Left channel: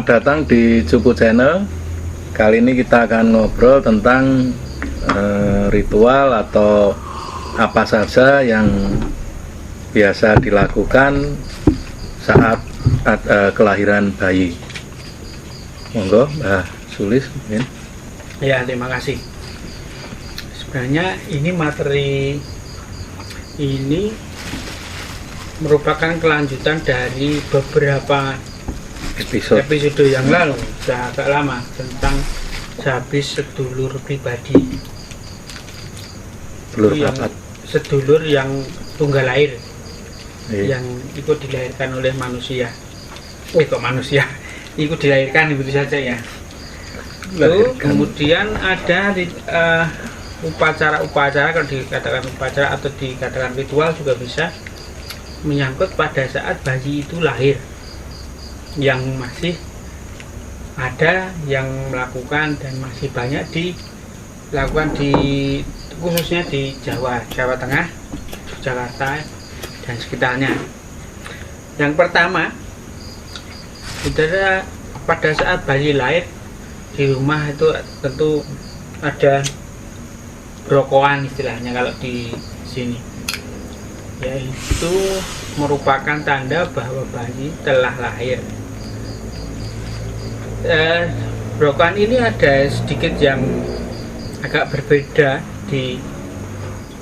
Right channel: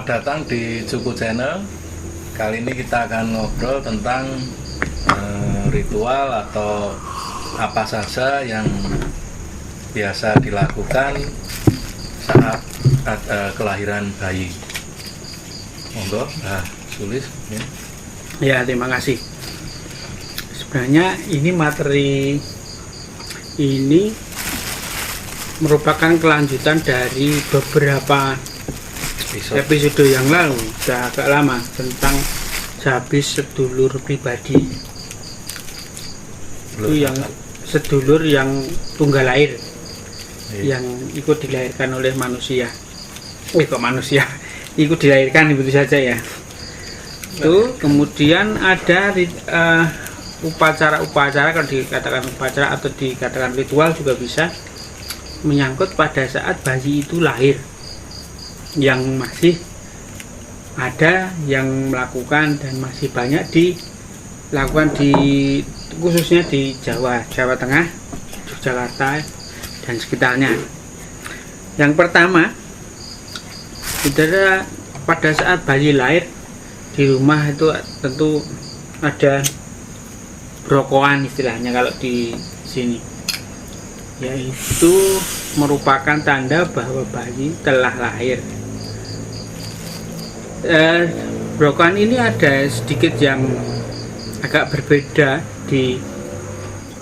Selamat datang di Cupu Channel. Kali ini kita akan ngobrol tentang ritual atau apa saja yang biasa dilakukan saat kelahiran bayi. Monggo, Mbak Sulis. Ya, terima kasih. Sebenarnya ini materi ini merupakan kelanjutan dari beberapa episode yang lalu, sudah agak lama, tentang sehabis sedulur pribadi. Itu yang sedulur yang tunggal lahir, yang ikut dilahirkan oleh manusia. Kok manusia? Ikut dilahirkan begitu saja ya. Itu kemudian ada upacara-upacara, kalau dikatakan upacara atau dikatakan ritual juga bisa, menyangkut pada saat bayi itu lahir, yang masih ada yang melakukan dan masih banyak dilakukan khususnya di Jawa Tengah, Yogyakarta dan sekitarnya. Yang pertama, adalah pada saat bayi lahir di rumah itu tentu ada brokoan istilahnya kalau di sini, yaitu merupakan tanda bahwa bayi telah lahir. Brokoan ini ada sedikit yang agak berbeda di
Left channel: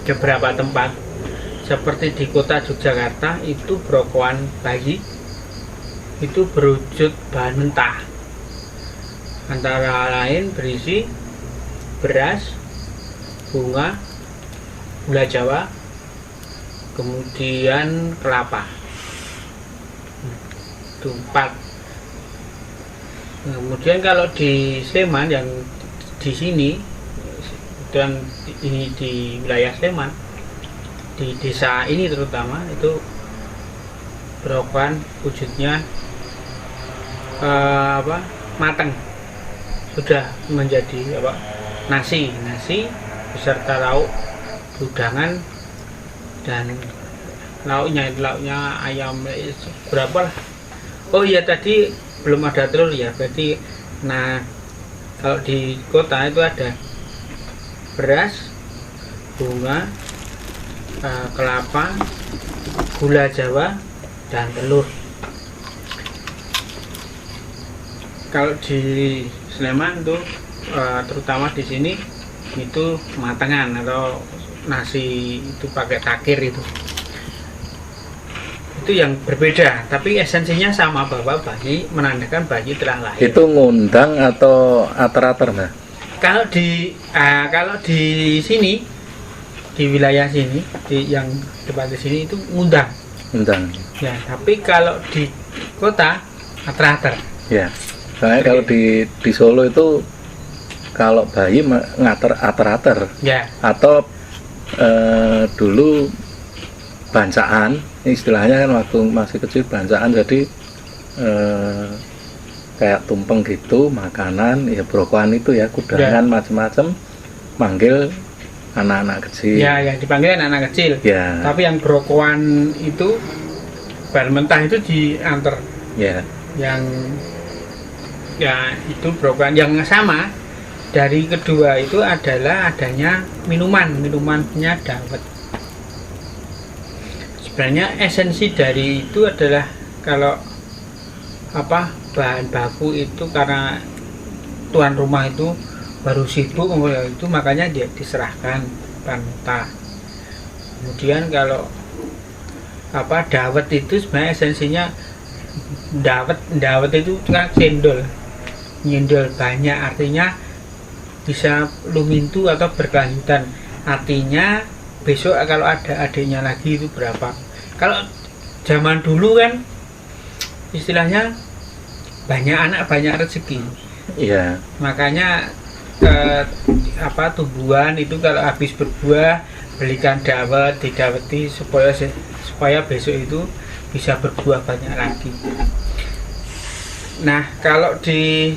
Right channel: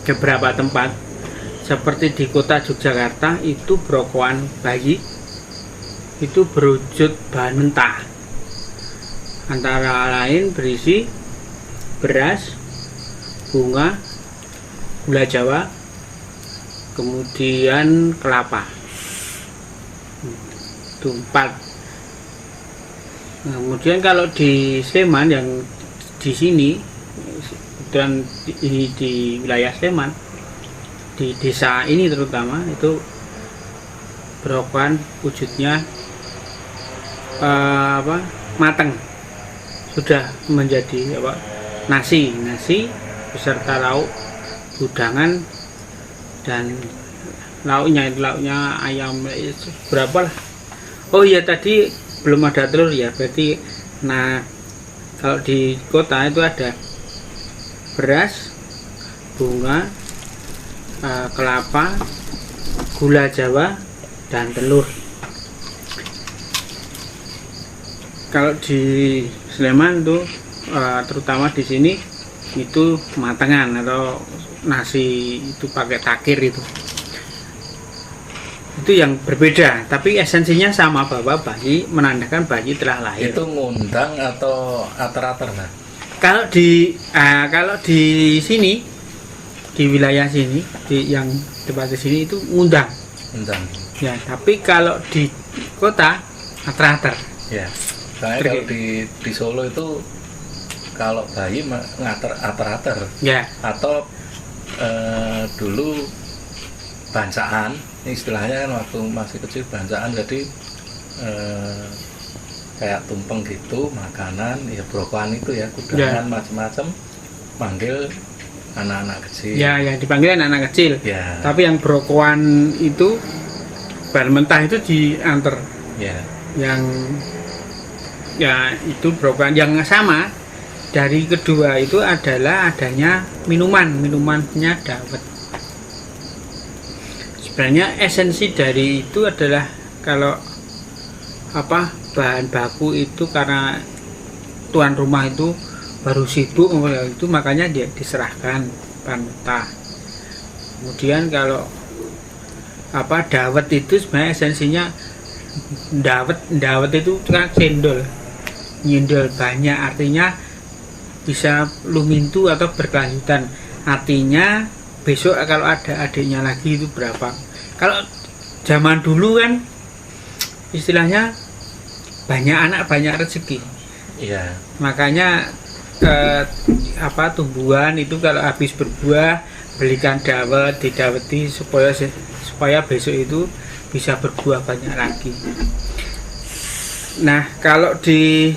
beberapa tempat. Seperti di kota Yogyakarta, itu brokoan bayi itu berwujud bahan mentah, antara lain berisi beras, bunga, gula Jawa, kemudian kelapa. Itu 4. Kemudian kalau di Sleman, yang di sini dan ini di wilayah Sleman, di desa ini terutama, itu brokoan wujudnya matang, sudah menjadi nasi beserta lauk, udangan, dan lauknya ayam berapa lah. Oh iya, tadi belum ada telur ya, berarti kalau di kota itu ada beras, bunga, kelapa, gula Jawa, dan telur. Kalau di Sleman tuh terutama di sini itu matangan atau nasi itu pakai takir itu yang berbeda, tapi esensinya sama, bahwa bayi menandakan bayi telah lahir. Itu ngundang atau ater-ater, Mbak? Kalau di sini, di wilayah sini, yang tempat di sini itu ngundang ya, tapi kalau di kota ater-ater ya. Soalnya kalau di Solo itu kalau bayi ngater ater-ater ya, atau dulu bancaan, istilahnya kan waktu masih kecil bancaan, jadi kayak tumpeng gitu, makanan ya, brokoan itu ya, kudangan macam-macam, manggil anak-anak kecil ya, yang dipanggil anak-anak kecil ya. Tapi yang brokoan itu bahan mentah itu diantar ya, yang itu brokoan yang sama. Dari kedua itu adalah adanya minumannya dawet. Sebenarnya esensi dari itu adalah, kalau bahan baku itu, karena tuan rumah itu baru sibuk itu, makanya dia diserahkan bahan mentah. Kemudian kalau dawet itu sebenarnya esensinya dawet itu kan nyendol banyak, artinya bisa lumintu atau berkelanjutan. Artinya besok kalau ada adiknya lagi itu berapa. Kalau zaman dulu kan istilahnya banyak anak banyak rezeki. Iya. Makanya tumbuhan itu kalau habis berbuah, belikan dawet, didaweti supaya besok itu bisa berbuah banyak lagi. Nah, kalau di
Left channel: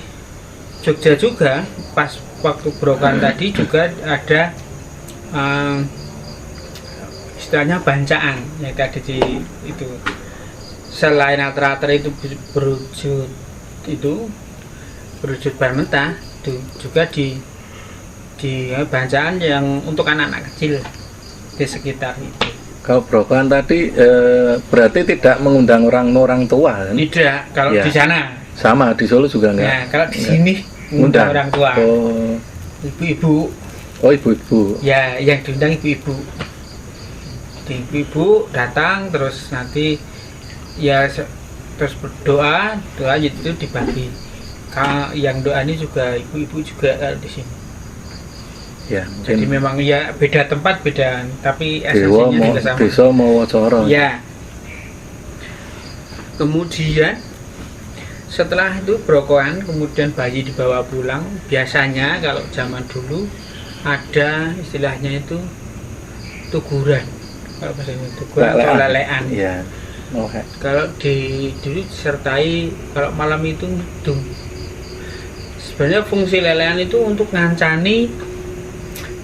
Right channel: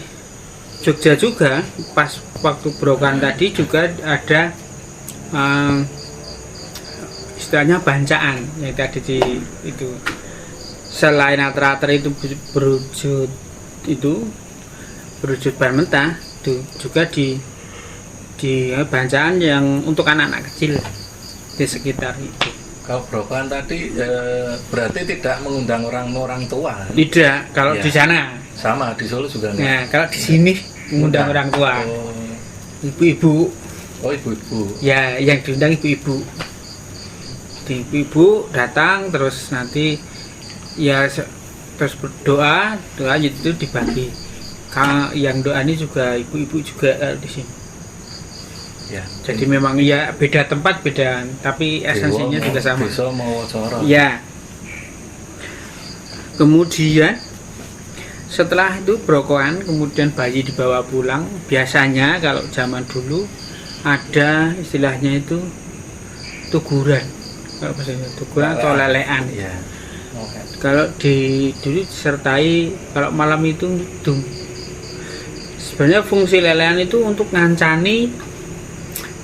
Jogja juga, pas waktu brokan tadi juga ada istilahnya bancaan yang tadi itu. Selain ater-ater itu berwujud itu berwujud bahan mentah itu juga di bacaan yang untuk anak-anak kecil di sekitar itu. Kalau brokoan tadi berarti tidak mengundang orang tua kan? Tidak, kalau Ya. di sana. Sama di Solo juga enggak? Nah, kalau di sini mengundang orang tua, Oh, ibu-ibu. oh ibu-ibu. Ya, yang diundang ibu-ibu. Ibu-ibu datang terus nanti ya terus berdoa, doa itu dibagi. Yang doa ini juga ibu-ibu juga di sini. Ya, Jadi memang ya beda tempat beda, tapi esensinya juga sama. Desa Mawacoro. Ya. Kemudian setelah itu brokoan, kemudian bayi dibawa pulang. Biasanya kalau zaman dulu ada istilahnya itu tuguran. Kalau bahasa Indonesia tuguran atau lelean. Iya. Oh, Kalau dulu disertai kalau malam itu ngidung. Sebenarnya fungsi lelean itu untuk ngancani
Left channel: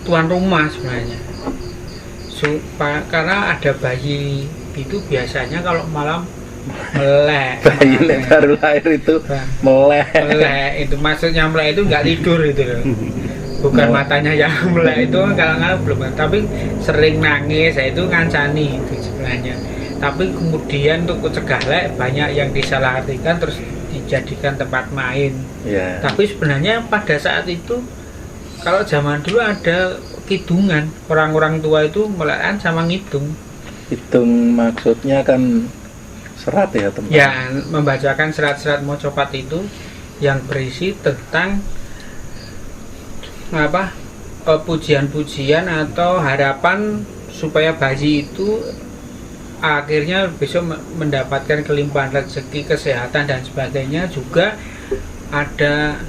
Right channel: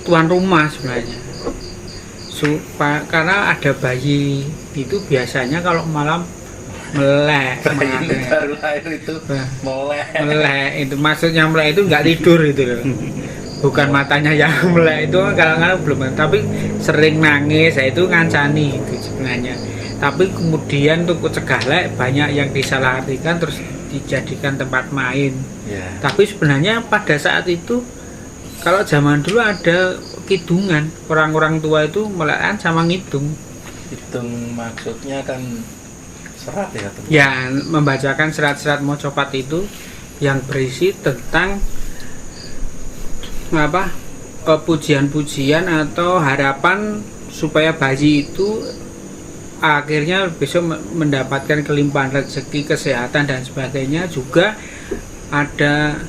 tuan rumah sebenarnya. Karena ada bayi itu biasanya kalau malam melek. bayi baru lahir itu melek. Melek itu maksudnya melek itu nggak tidur itu loh. Bukan matanya yang melek itu kalau belum, tapi sering nangis, itu ngancani itu sebenarnya. Tapi kemudian untuk cegah lek banyak yang disalahartikan terus dijadikan tempat main. Ya. Tapi sebenarnya pada saat itu kalau zaman dulu ada kidungan, orang-orang tua itu melekan sama ngitung. Hitung maksudnya kan serat ya teman. Ya, membacakan serat-serat mocopat itu yang berisi tentang apa? Pujian-pujian atau harapan supaya bayi itu akhirnya besok mendapatkan kelimpahan rezeki, kesehatan dan sebagainya. Juga ada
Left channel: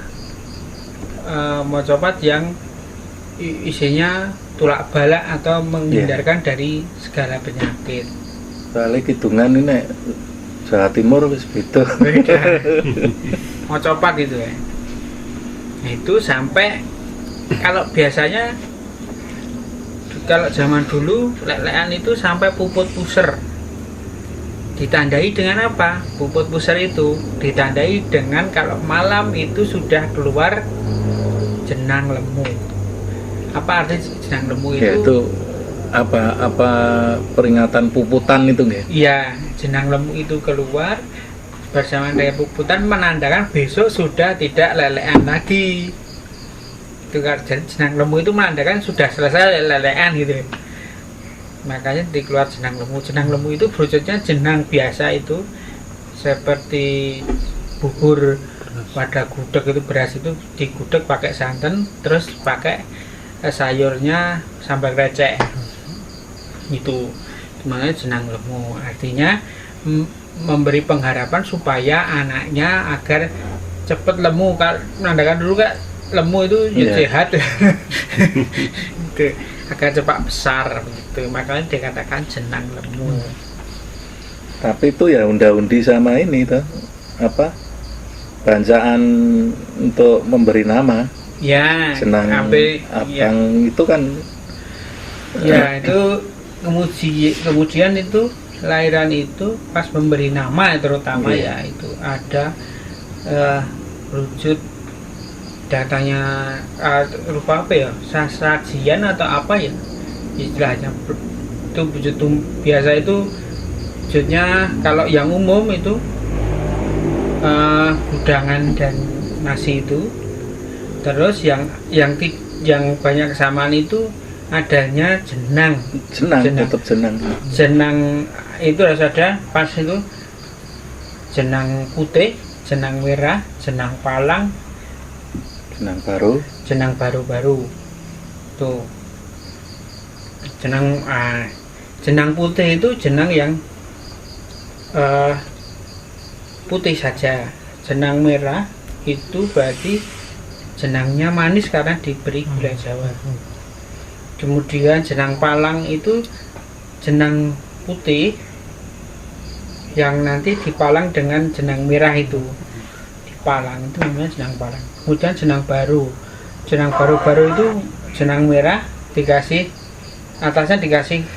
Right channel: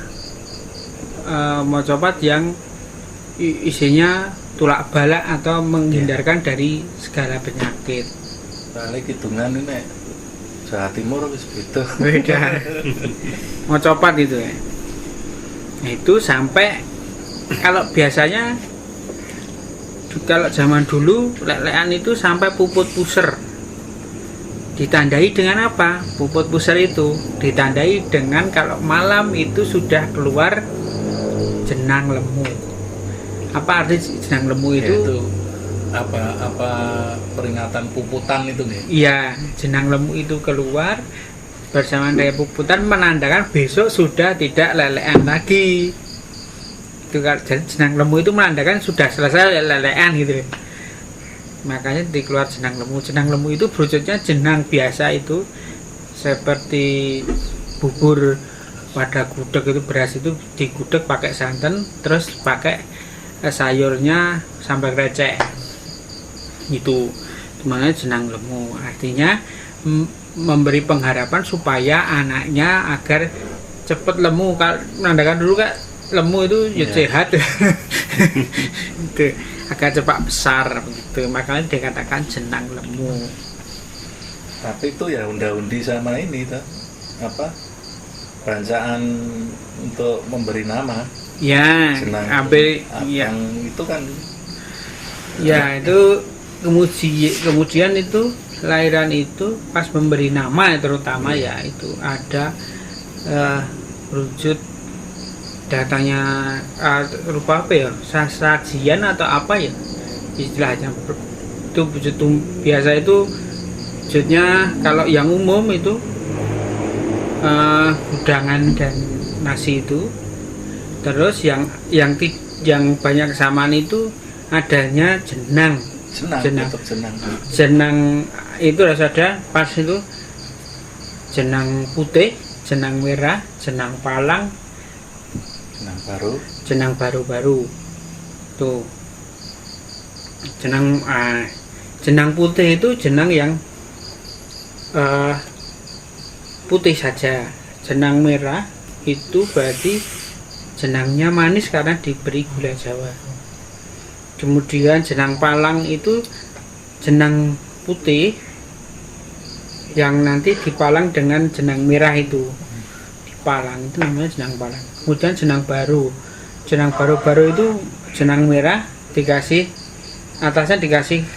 mocopat yang isinya tulak balak atau menghindarkan dari segala penyakit. Balik hitungan ini Jawa Timur wis beda. Beda. Mocopat itu ya. Itu sampai kalau biasanya kalau zaman dulu lelean itu sampai puput puser. Ditandai dengan apa? Puput puser itu ditandai dengan kalau malam itu sudah keluar jenang lemu. Apa arti jenang lemu itu? Yaitu apa peringatan puputan itu nggak? Iya, jenang lemu itu keluar bersamaan dengan puputan menandakan besok sudah tidak lelean lagi. Itu kan jenang lemu itu menandakan sudah selesai lelean gitu. Makanya dikeluar jenang lemu. Jenang lemu itu berwujudnya jenang biasa itu seperti bubur pada gudeg itu, beras itu digudeg pakai santan terus pakai sayurnya sambal krecek itu namanya jenang lemu. Artinya memberi pengharapan supaya anaknya agar cepat lemu. Kalau menandakan dulu kan lemu itu ya sehat itu agar cepat besar begitu, makanya dikatakan jenang lemu. Tapi itu ya unda-undi sama ini tuh apa bacaan untuk memberi nama Ya, jenang ambil ya. yang itu kan Ya, itu kemudian itu lahiran itu pas memberi nama terutama ya itu ada wujud datanya rupa apa ya, sajian atau apa ya istilahnya itu wujud biasa itu wujudnya. Kalau yang umum itu gudangan dan nasi itu. Terus yang banyak kesamaan itu adanya jenang tetap jenang. Jenang itu harus ada pas itu jenang putih, jenang merah, jenang palang, jenang baru tuh. Jenang putih itu jenang yang putih saja. Jenang merah itu berarti jenangnya manis karena diberi gula Jawa. Kemudian jenang palang itu jenang putih yang nanti dipalang dengan jenang merah itu. Dipalang itu namanya jenang palang. Kemudian jenang baru itu jenang merah dikasih atasnya dikasih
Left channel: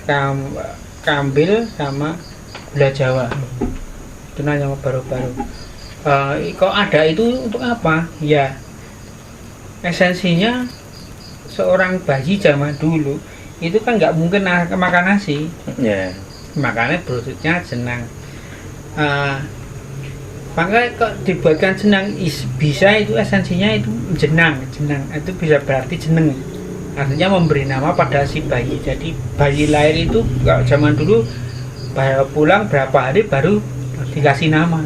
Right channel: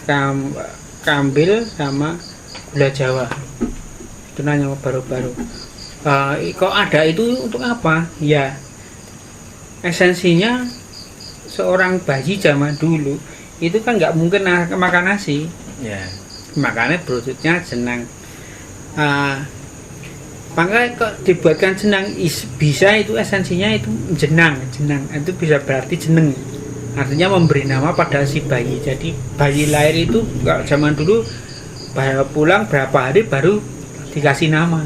kambil sama gula Jawa. Itu namanya baru. Kok ada itu untuk apa? Ya, esensinya seorang bayi zaman dulu itu kan nggak mungkin makan nasi, Ya. makanya berwujudnya jenang. Makanya kok dibuatkan jenang bisa itu esensinya itu jenang itu bisa berarti jeneng, artinya memberi nama pada si bayi. Jadi bayi lahir itu kalau zaman dulu baru pulang berapa hari baru dikasih nama.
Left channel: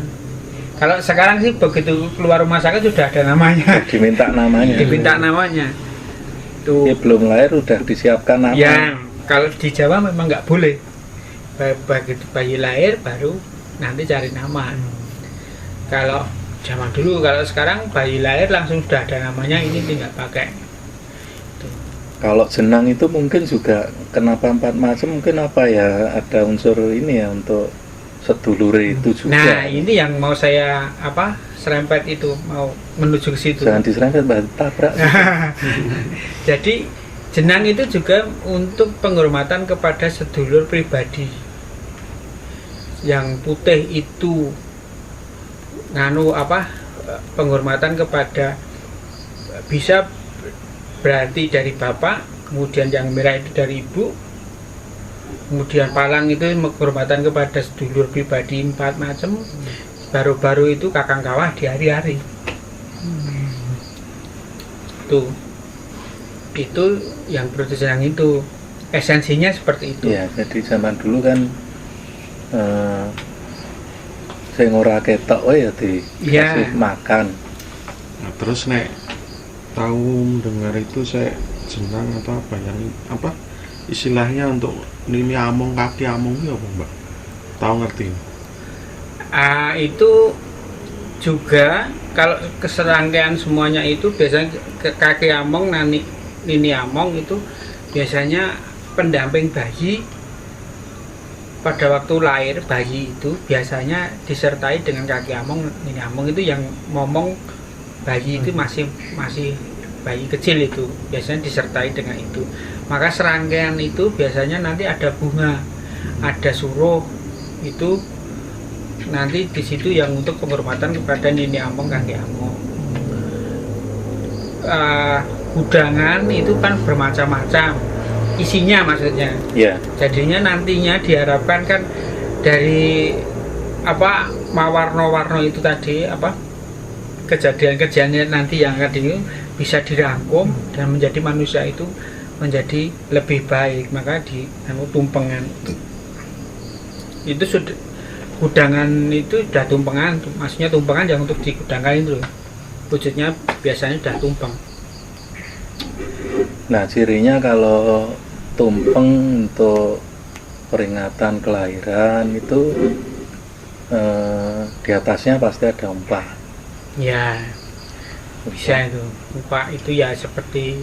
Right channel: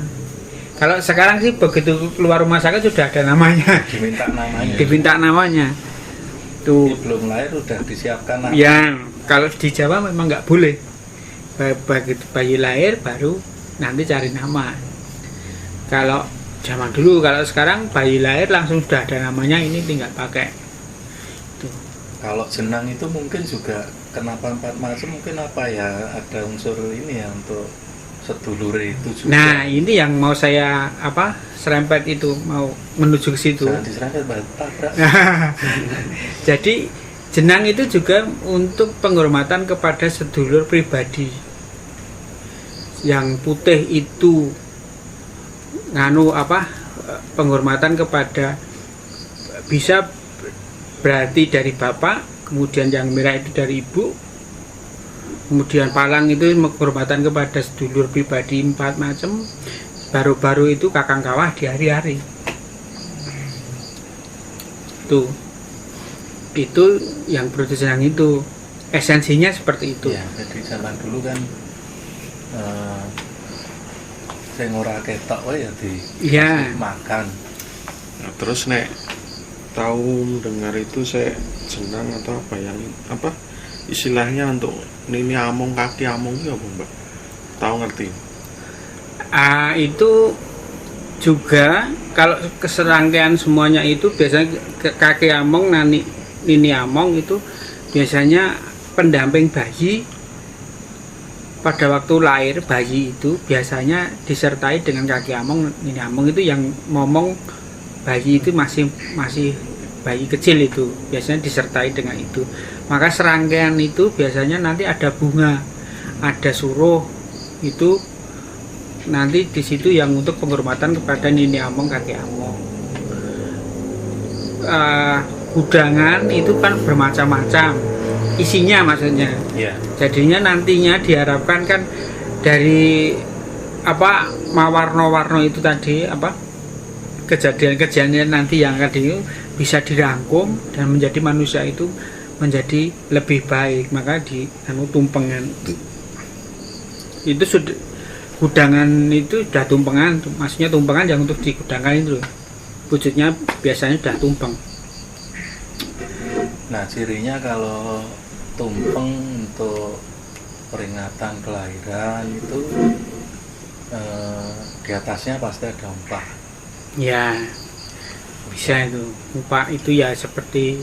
Kalau sekarang sih begitu keluar rumah sakit sudah ada namanya, diminta namanya tuh. Ini belum lahir udah disiapkan nama. Yang kalau di Jawa memang nggak boleh, begitu bayi lahir baru nanti cari nama. Kalau zaman dulu, kalau sekarang bayi lahir langsung sudah ada namanya, ini tinggal pakai tuh. Kalau jenang itu mungkin juga kenapa 4 macam, mungkin apa ya, ada unsur ini ya untuk sedulure itu juga. Nah ini yang mau saya serempet itu, mau menuju ke situ. Jangan diserempet, tabrak. Jadi jenang itu juga untuk penghormatan kepada sedulur pribadi. Yang putih itu penghormatan kepada, bisa berarti dari bapak, kemudian yang merah itu dari ibu, kemudian palang itu penghormatan kepada sedulur pribadi 4 macam, baru-baru itu kakang kawah di hari-hari. Tuh, itu yang berjenang itu esensinya seperti itu. Ya, jadi zaman dulu kan sing ora ketok ya makan. Nah, terus nek tahu dengar itu saya jenang atau apa istilahnya untuk nini among, kaki among itu apa Mbak? Tahu ngerti? Itu juga kalau keserangkaian semuanya itu biasanya kaki among, nini among itu biasanya pendamping bayi. Pada waktu lahir bayi itu biasanya disertai dengan kaki among, nini among itu yang ngomong bayi itu masih bayi kecil itu biasanya disertai dengan itu. Maka serangkaian itu biasanya nanti ada bunga, ada suruh, itu nanti di situ yang untuk penghormatan kepada nini among, kaki among. Gudangan itu kan bermacam-macam isinya, maksudnya. Yeah. Jadinya nantinya diharapkan kan dari mawarno-warno itu tadi, kejadian-kejadian nanti yang akan bisa dirangkum dan menjadi manusia itu menjadi lebih baik. Maka tumpengan itu sudah, gudangan itu sudah tumpengan, maksudnya tumpengan yang untuk digudangkan itu wujudnya biasanya sudah tumpeng. Nah, cirinya kalau tumpeng untuk peringatan kelahiran itu di atasnya pasti ada umpak. Ya, bisa itu. Umpak itu ya seperti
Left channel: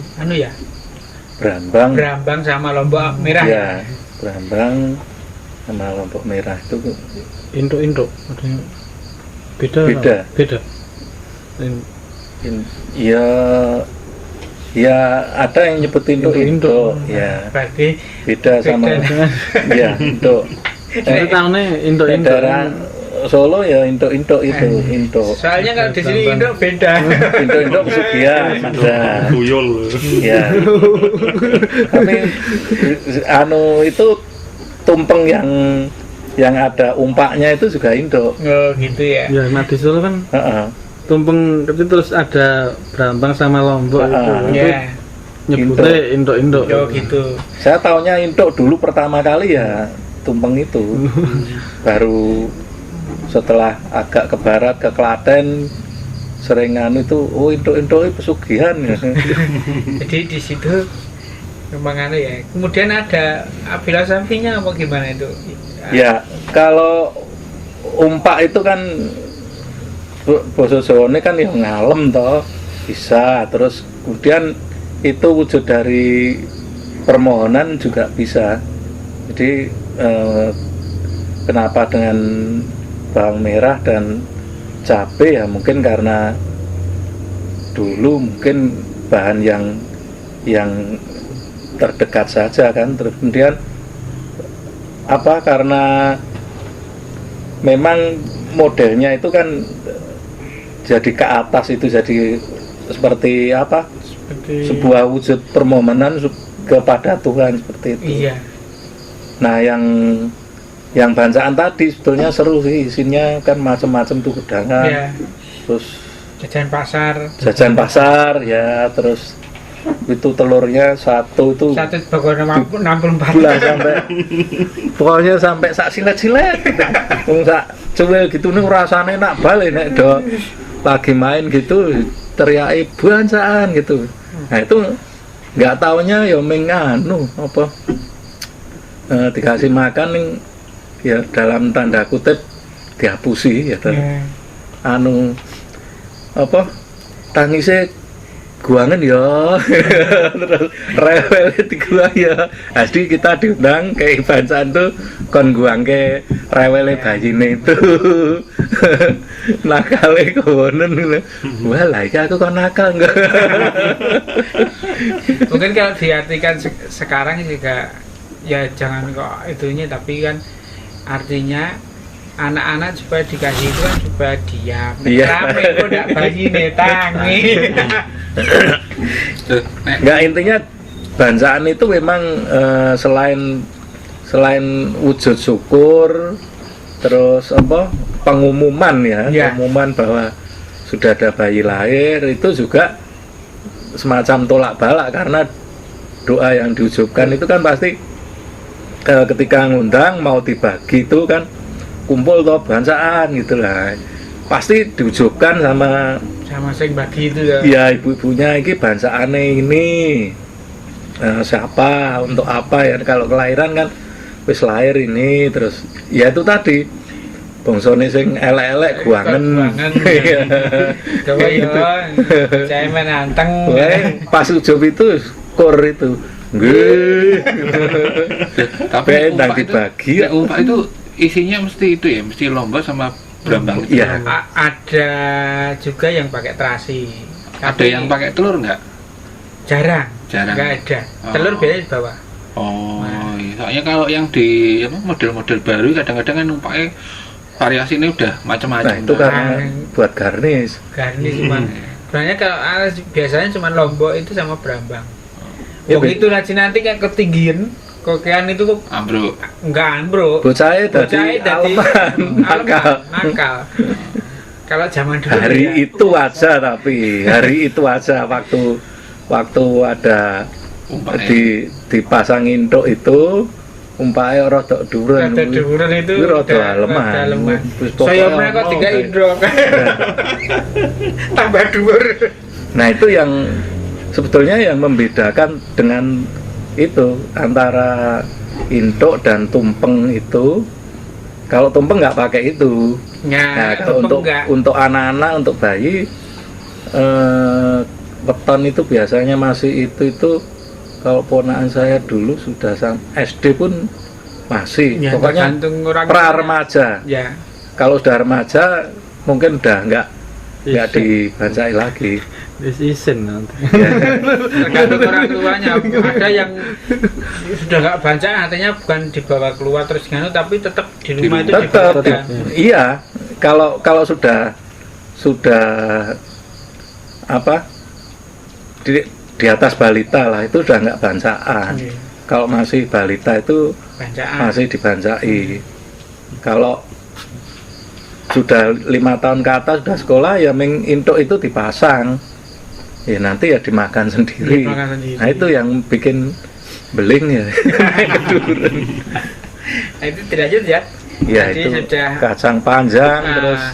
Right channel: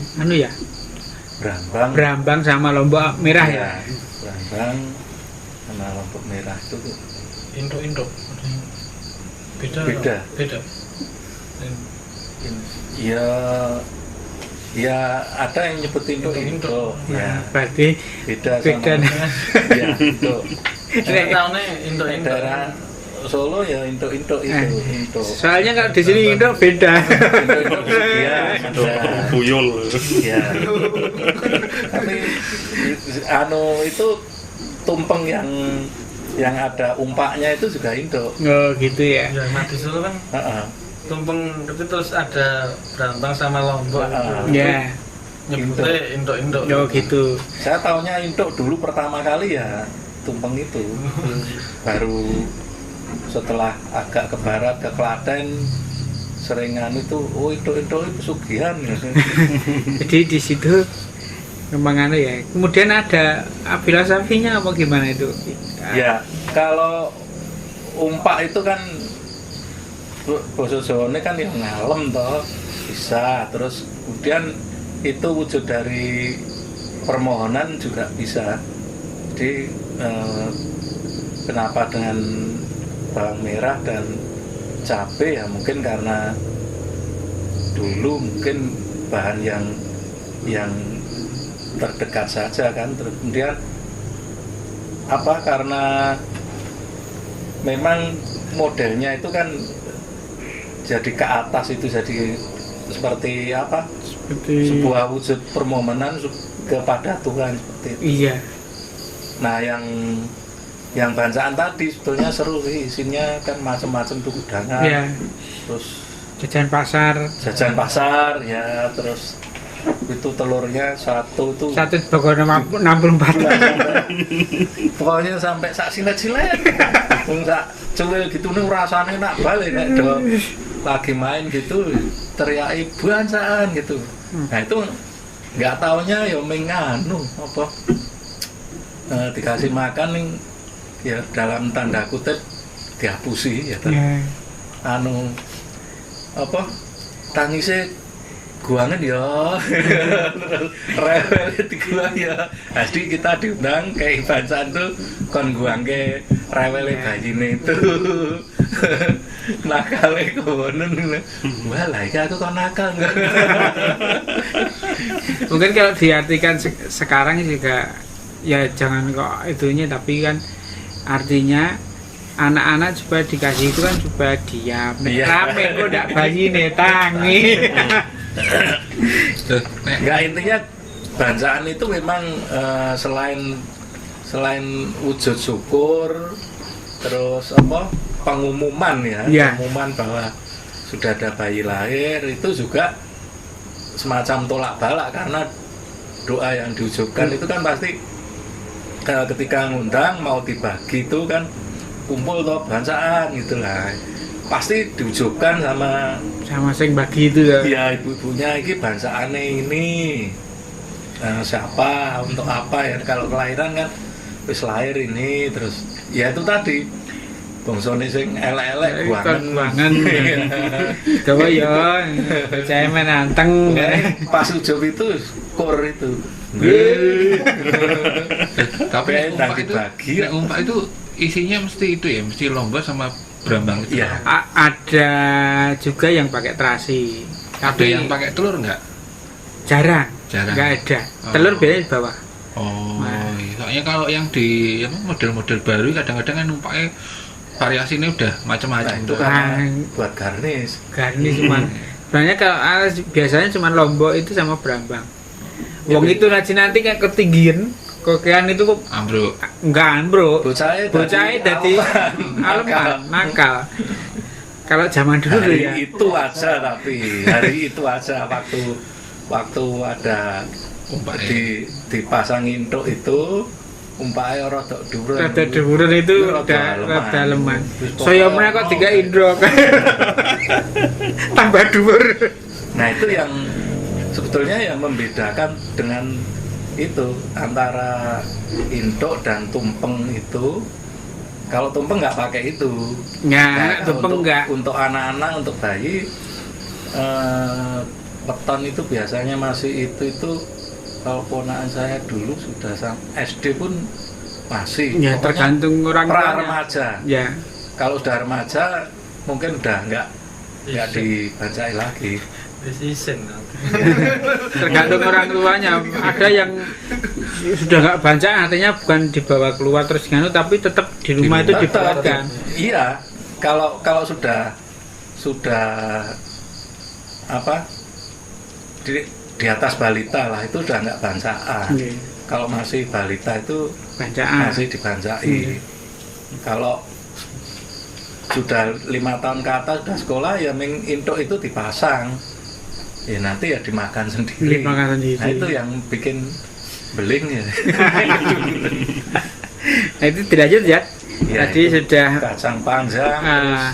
berambang sama lombok merah ya. Berambang sama lombok merah itu induk beda. Ya ada yang nyebut induk. Ya. Berarti beda sama ya induk. Saya tahunya induk. Solo ya induk itu induk. Soalnya kalau di sini induk beda. Induk ya. Tuyul. Ya. Tapi itu tumpeng yang ada umpaknya itu juga induk. Oh gitu ya. Ya, mati Solo kan. Tumpeng itu terus ada berambang sama lombok itu. Ya. Nyebutnya induk. Oh gitu. Saya taunya induk dulu pertama kali ya tumpeng itu. Baru setelah agak ke barat, ke Klaten, seringan itu induk pesugihan. Jadi di situ memang ya. Kemudian ada filosofinya apa gimana itu? Ya, kalau umpak itu kan basa Jawane kan yang ngalem toh, bisa. Terus kemudian itu wujud dari permohonan juga bisa. Jadi kenapa dengan bawang merah dan cabai ya mungkin karena dulu mungkin bahan yang terdekat saja kan. Terus kemudian karena memang modelnya itu kan jadi ke atas itu jadi seperti apa? Seperti Sebuah wujud permohonan kepada Tuhan seperti itu. iya. Nah, yang bacaan tadi sebetulnya seru sih, isinya kan macam-macam tuh kudangan. Iya. Terus Jajan pasar. jajan pasar ya, terus itu telurnya satu itu Satu bagone 64. pokoknya sampai sak silet-silet. Wong sak cuwil gitu nih rasanya nak balik nek do lagi main gitu teriaki bancaan gitu. Nah itu nggak taunya ya menganu apa dikasih makan ning ya dalam tanda kutip dihapusi ya Iya. anu apa tangisnya guangan ya terus rewel di gua ya jadi kita diundang ke bacaan tuh kon guang ke rewel bayine itu nakale konen wah lah iki aku kon nakal enggak. Mungkin kalau diartikan sekarang juga ya jangan kok itunya, tapi kan artinya anak-anak supaya dikasih itu kan supaya diam. Iya. Rame kok ndak bayi nih tangi. Enggak, intinya bacaan itu memang selain wujud syukur, terus apa pengumuman ya, Ya. pengumuman bahwa sudah ada bayi lahir, itu juga semacam tolak balak karena doa yang diucapkan itu kan pasti ketika ngundang mau dibagi itu kan kumpul toh bacaan gitu lah, pasti diucapkan Sama sing bagi itu ya. ya ibu-ibunya ini bacaannya ini siapa untuk apa ya, kalau kelahiran kan wis lahir ini terus ya itu tadi bongsone sing elek-elek guangen Coba ya, saya menanteng. pas ujub itu kur itu nggih Tapi ndang umpak dibagi itu, umpak itu isinya mesti itu ya, mesti lomba sama berambang itu. iya Ada juga yang pakai terasi. Ada Tapi yang pakai telur nggak? jarang. Jarang. Nggak ada. Oh. Telur biasanya di bawah. Oh, Nah. iya. Soalnya kalau yang di apa, model-model baru kadang-kadang kan umpaknya variasinya udah macam-macam. nah itu kan Nah. buat garnish Garni cuman. Sebenarnya kalau biasanya cuma lombok itu sama berambang. Ya, Wong itu nanti kayak ketinggian, kokean itu kok Ambruk. enggak bro. bocahnya Dadi nakal. nakal. Kalau zaman dulu hari ya. itu aja, tapi hari itu aja waktu ada Umpaknya. dipasang induk itu umpamanya rada dhuwur Rada dhuwuran itu rada rada lemah. Wis Saya pokoknya mrene kok ono, tiga kayak. indro. Tambah dhuwur. Nah itu yang sebetulnya yang membedakan dengan itu antara induk dan tumpeng itu. Kalau tumpeng nggak pakai itu. Nah, tumpeng enggak. untuk anak-anak, untuk bayi weton itu biasanya masih itu kalau ponakan saya dulu sudah SD pun masih. Ya Pokoknya tergantung orang pra tuanya. remaja. Ya. Kalau sudah remaja mungkin udah nggak Iya. dibancai lagi. Isin nanti. Tergantung orang tuanya. Ada yang sudah nggak baca, artinya bukan dibawa keluar terus nganu, tapi tetap di rumah itu Tetap, dibacakan. iya. Kalau sudah apa di atas balita lah itu udah nggak bancaan. Iya. Kalau masih balita itu Bacaan. masih dibancai. Kalau sudah 5 tahun ke atas sudah sekolah ya induk itu dipasang. Ya nanti ya dimakan sendiri. Dimakan sendiri. Nah itu yang bikin beling ya. Nah, itu dilanjut ya. Ya, Tadi itu sudah kacang panjang terus ah,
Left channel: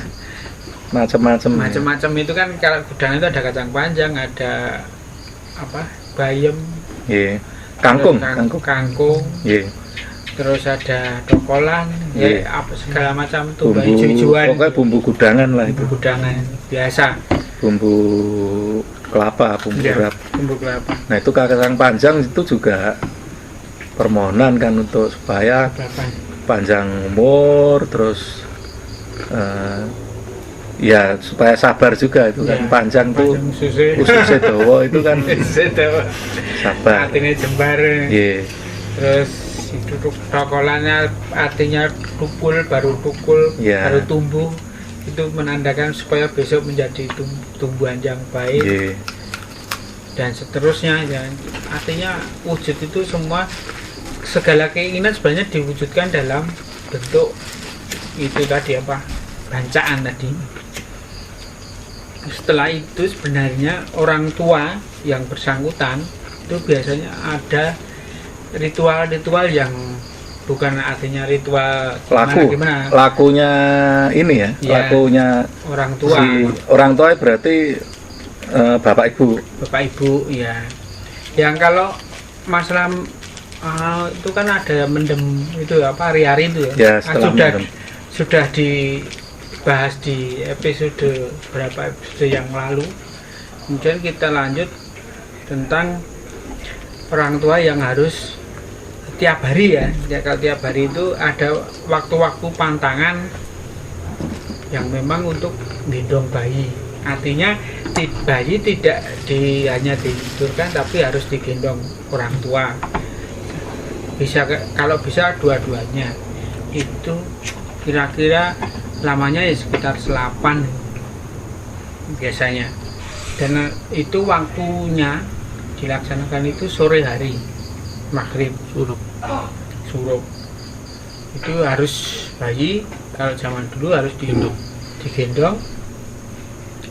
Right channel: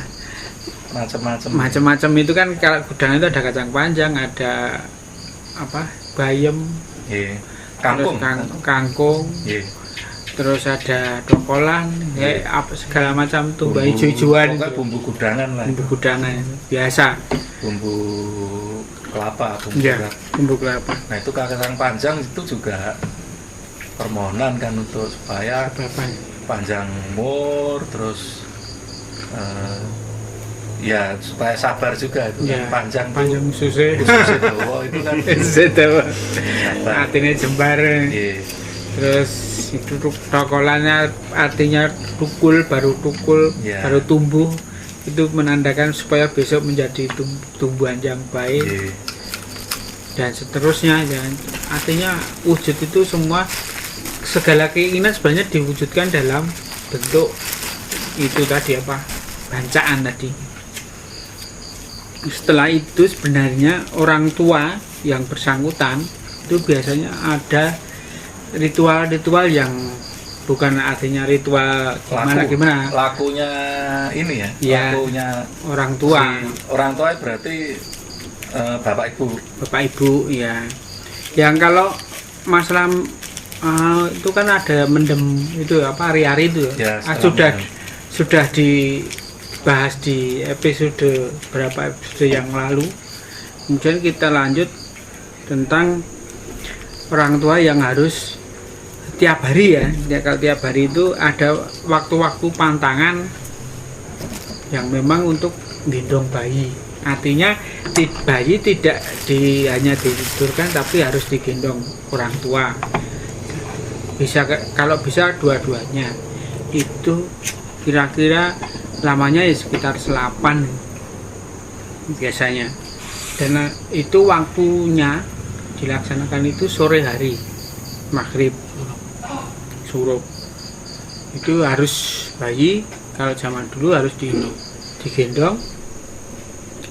macam-macam. macam-macam itu kan kalau gudang itu ada kacang panjang, ada apa? Bayam, Iya. Kangkung. terus kangkung, Iya. terus ada dokolan, Iya. apa segala macam tuh Bumbu- bayi hijau-hijauan. Pokoknya bumbu gudangan lah itu. Bumbu gudangan biasa. Bumbu kelapa, bumbu Ya, urap. bumbu kelapa. Nah itu kacang panjang itu juga permohonan kan untuk supaya Berapa? panjang umur, terus ya supaya sabar juga itu kan Ya, panjang panjang tuh susu. khususnya Jawa itu kan Sedawa. sabar. Artinya jembar. Iya. Terus itu dokolannya artinya tukul, baru tukul, Ya. baru tumbuh. itu menandakan supaya besok menjadi tumbuhan yang baik Nggih. dan seterusnya ya. Artinya wujud itu semua, segala keinginan sebenarnya diwujudkan dalam bentuk itu tadi apa, bancaan tadi. Setelah itu sebenarnya orang tua yang bersangkutan itu biasanya ada ritual-ritual yang bukan artinya ritual gimana Lakunya ini ya, Ya. lakunya orang tua, orang tua berarti bapak ibu. bapak ibu ya. Yang kalau masalah itu kan ada mendem itu apa hari-hari itu Ya, ya. setelah Sudah dibahas di episode berapa episode yang lalu. Kemudian kita lanjut tentang orang tua yang harus tiap hari ya. Kalau tiap hari itu ada waktu-waktu pantangan yang memang untuk gendong bayi. Artinya bayi tidak hanya ditidurkan tapi harus digendong orang tua. Bisa kalau bisa dua-duanya. Itu kira-kira lamanya ya sekitar 8 biasanya. Dan itu waktunya dilaksanakan itu sore hari, maghrib, surup. Itu harus bayi, kalau zaman dulu harus digendong,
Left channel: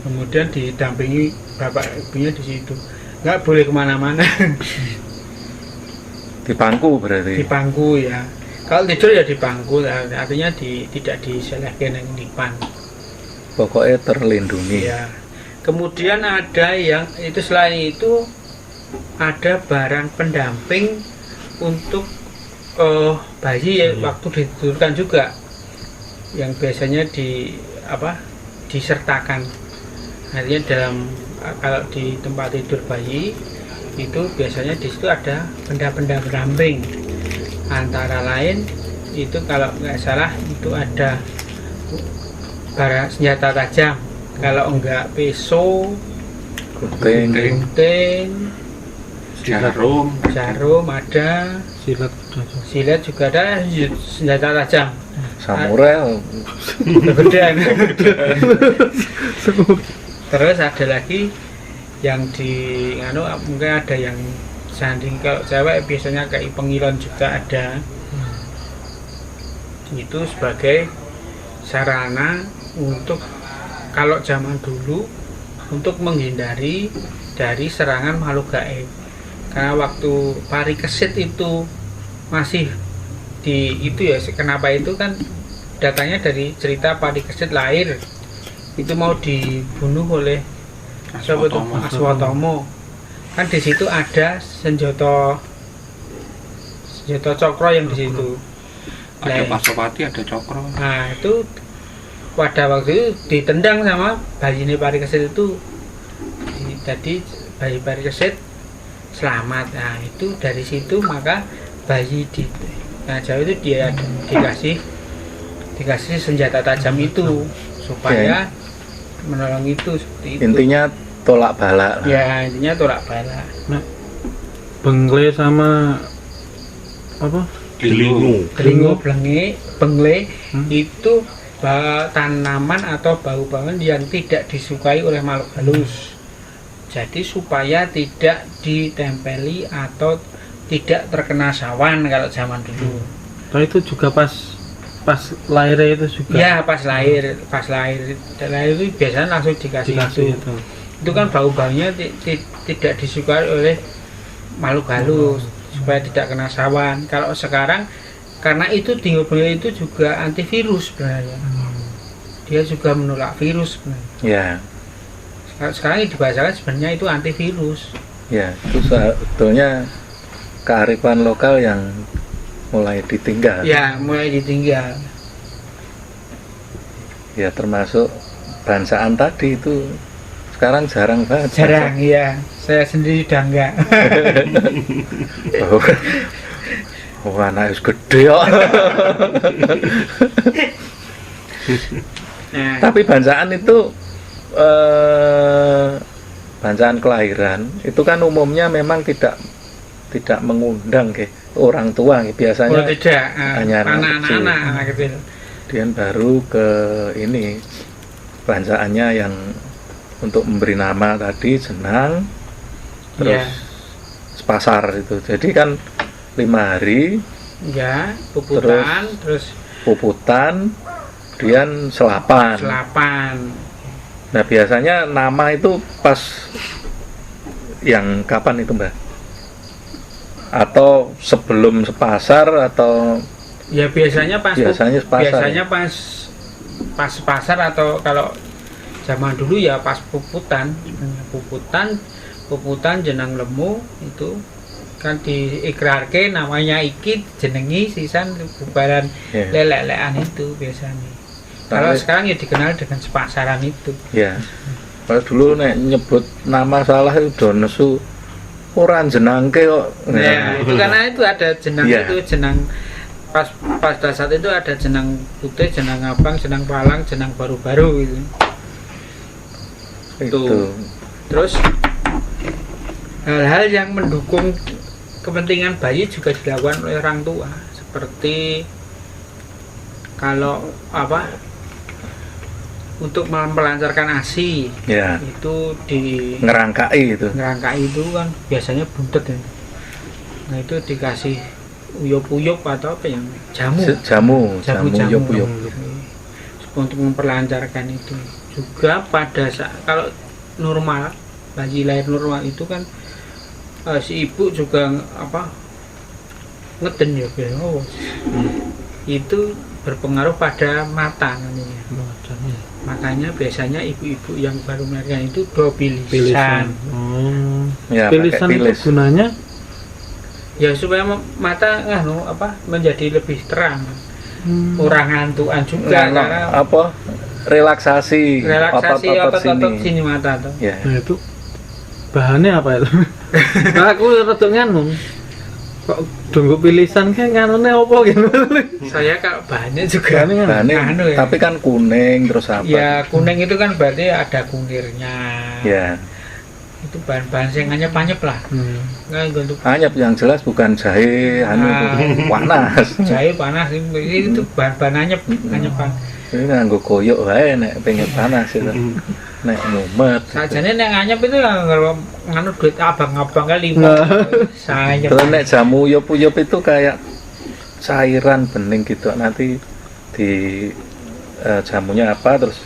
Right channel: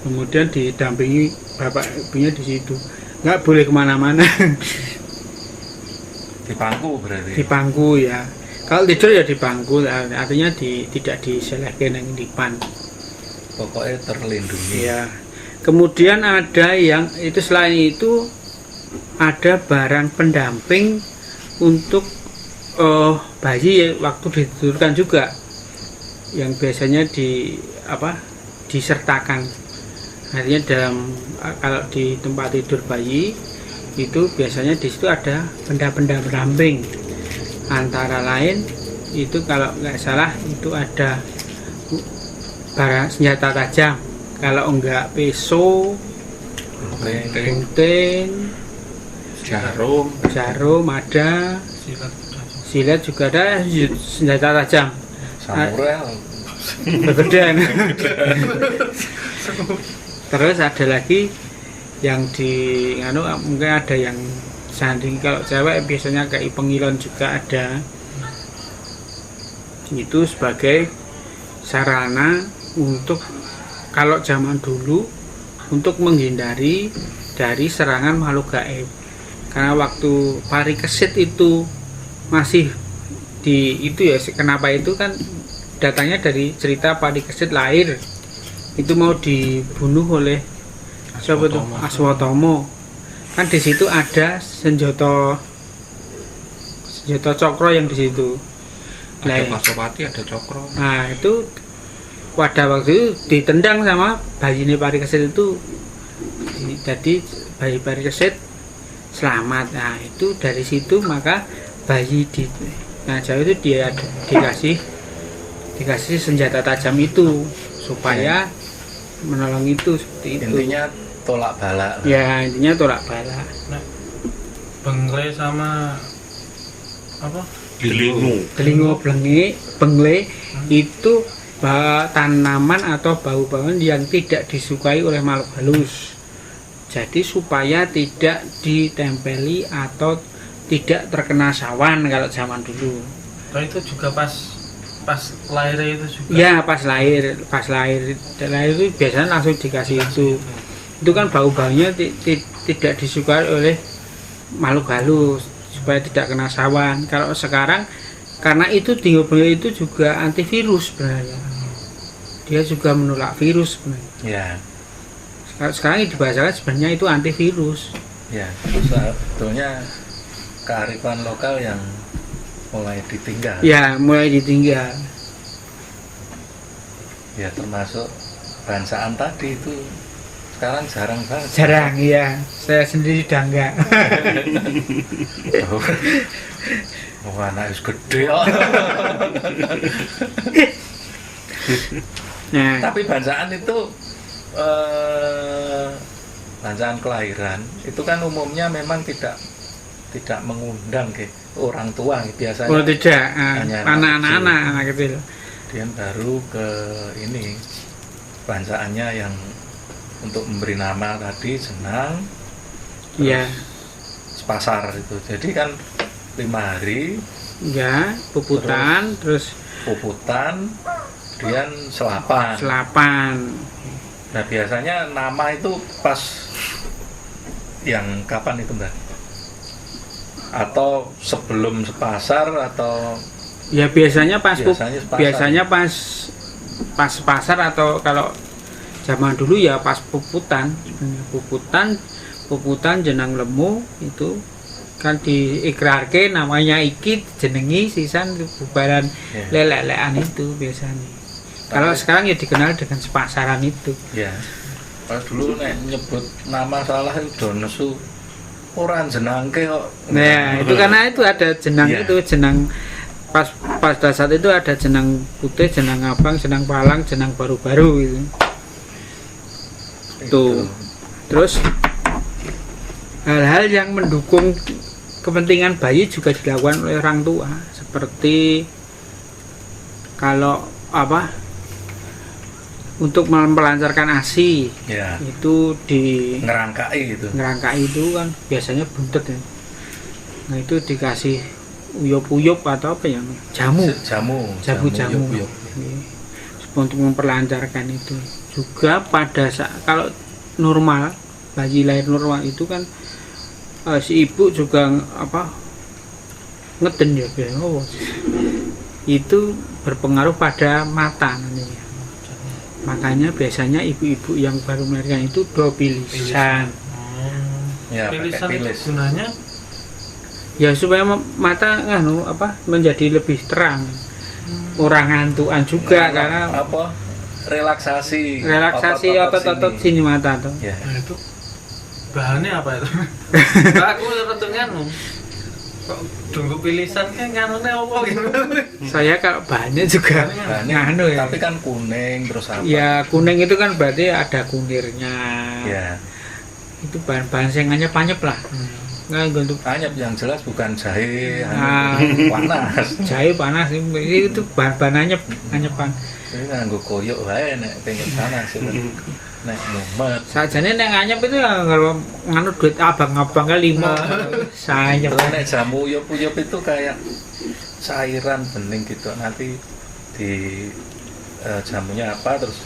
kemudian didampingi bapak ibunya di situ. Nggak boleh kemana-mana. Di pangku berarti. Di pangku ya. Kalau tidur ya di pangku, artinya tidak diselehkan yang dipan. Pokoknya terlindungi. Ya. Kemudian ada yang itu, selain itu ada barang pendamping untuk bayi ya, waktu ditidurkan juga, yang biasanya disertakan. Artinya kalau di tempat tidur bayi itu biasanya di situ ada benda-benda pendamping. Antara lain itu kalau nggak salah itu ada barang senjata tajam. Kalau enggak pisau, gunting, jarum ada, silet juga ada, senjata tajam. Samurai. Kegedean. Terus ada lagi yang mungkin ada yang sanding, kalau cewek biasanya kayak pengilon juga ada. Itu sebagai sarana untuk, kalau zaman dulu, untuk menghindari dari serangan makhluk gaib. Karena waktu parikesit itu masih itu ya, kenapa itu kan datangnya dari cerita parikesit lahir itu mau dibunuh oleh siapa tuh, Aswatama. Kan di situ ada senjata cokro yang di situ. Ada Pasopati, ada Cokro. Nah itu pada waktu itu ditendang sama bayi ini parikesit itu, jadi bayi parikesit selamat. Nah itu dari situ maka bayi di Jawa itu dia dikasih senjata tajam itu supaya menolong itu, seperti itu. Intinya tolak bala. Ya intinya tolak bala. Nah, bengle sama apa? Telingo bengle itu tanaman atau bau-bauan yang tidak disukai oleh makhluk halus. Jadi supaya tidak ditempeli atau tidak terkena sawan kalau zaman dulu. Kalau itu juga pas lahirnya itu juga. Ya pas lahir itu biasanya langsung dikasih itu. Itu kan bau-baunya tidak disukai oleh makhluk halus supaya tidak kena sawan. Kalau sekarang karena itu dingo-bengle itu juga antivirus sebenarnya. Dia juga menolak virus sebenarnya. Ya. Sekarang dibahasakan sebenarnya itu antivirus. Ya, itu sebetulnya kearifan lokal yang mulai ditinggal. Ya, mulai ditinggal. Ya, termasuk bansaan tadi itu sekarang jarang banget. Jarang, ya. Saya sendiri udah enggak. Oh, anak gede kok. Nah, Tapi bansaan itu bancaan kelahiran itu kan umumnya memang tidak mengundang ke orang tua biasanya. kalau tidak hanya anak-anak kecil. Kemudian baru ke ini bacaannya yang untuk memberi nama tadi jenang, Ya, sepasar itu. Jadi kan 5 hari ya, puputan, terus puputan, kemudian selapan. selapan. Nah biasanya nama itu pas yang kapan itu Mbak? Atau sebelum sepasar atau Ya biasanya pas biasanya sepasar. pas pasar, atau kalau zaman dulu ya pas puputan jenang lemu itu kan diikrarke namanya iki jenengi sisan bubaran Ya. lelek-lelekan itu biasanya. Kalau sekarang ya dikenal dengan sepasaran itu. Ya. Kalau dulu nek nyebut nama salah itu do nesu ora jenangke kok. Nah, itu karena itu ada jenang Iya. itu jenang pas pada saat itu ada jenang putih, jenang abang, jenang palang, jenang baru-baru gitu. Itu. Terus hal-hal yang mendukung kepentingan bayi juga dilakukan oleh orang tua, seperti kalau untuk melancarkan ASI Ya. itu di Ngerangkai itu. ngerangkai itu kan biasanya buntet ya. Nah itu dikasih uyup-uyup atau apa yang jamu Jamu. jamu-jamu yuk. untuk memperlancarkan itu. Juga pada saat kalau normal, bayi lahir normal itu kan si ibu juga ngeden ya itu berpengaruh pada mata nantinya. Makanya biasanya ibu-ibu yang baru melahirkan itu do bilisan. Ya, Pilisan pakai itu pilis. gunanya Ya supaya mata menjadi lebih terang. Orang ngantukan juga Nah, karena apa? Relaksasi otot-otot sini mata tuh. Ya. nah itu bahannya apa itu? Aku rada nganu. Kok donggo pilisan kan nganune apa gitu. Saya kalau bahannya juga Bahannya, nganu ya. tapi kan kuning terus apa? Ya kuning itu kan berarti ada kunirnya. Ya. Itu bahan-bahan yang anyep-anyep lah. Nggak untuk Anyep yang jelas bukan jahe, Ah. panas. jahe panas itu bahan-bahan anyepan. Ini nganggo koyok wae nek pengen panas itu. Nek ngumet. Sajane nek anyep itu kalau nganu duit abang-abang kali 5. Saya Terus nek jamu uyup-uyup itu kayak cairan bening gitu. Nanti di jamunya apa terus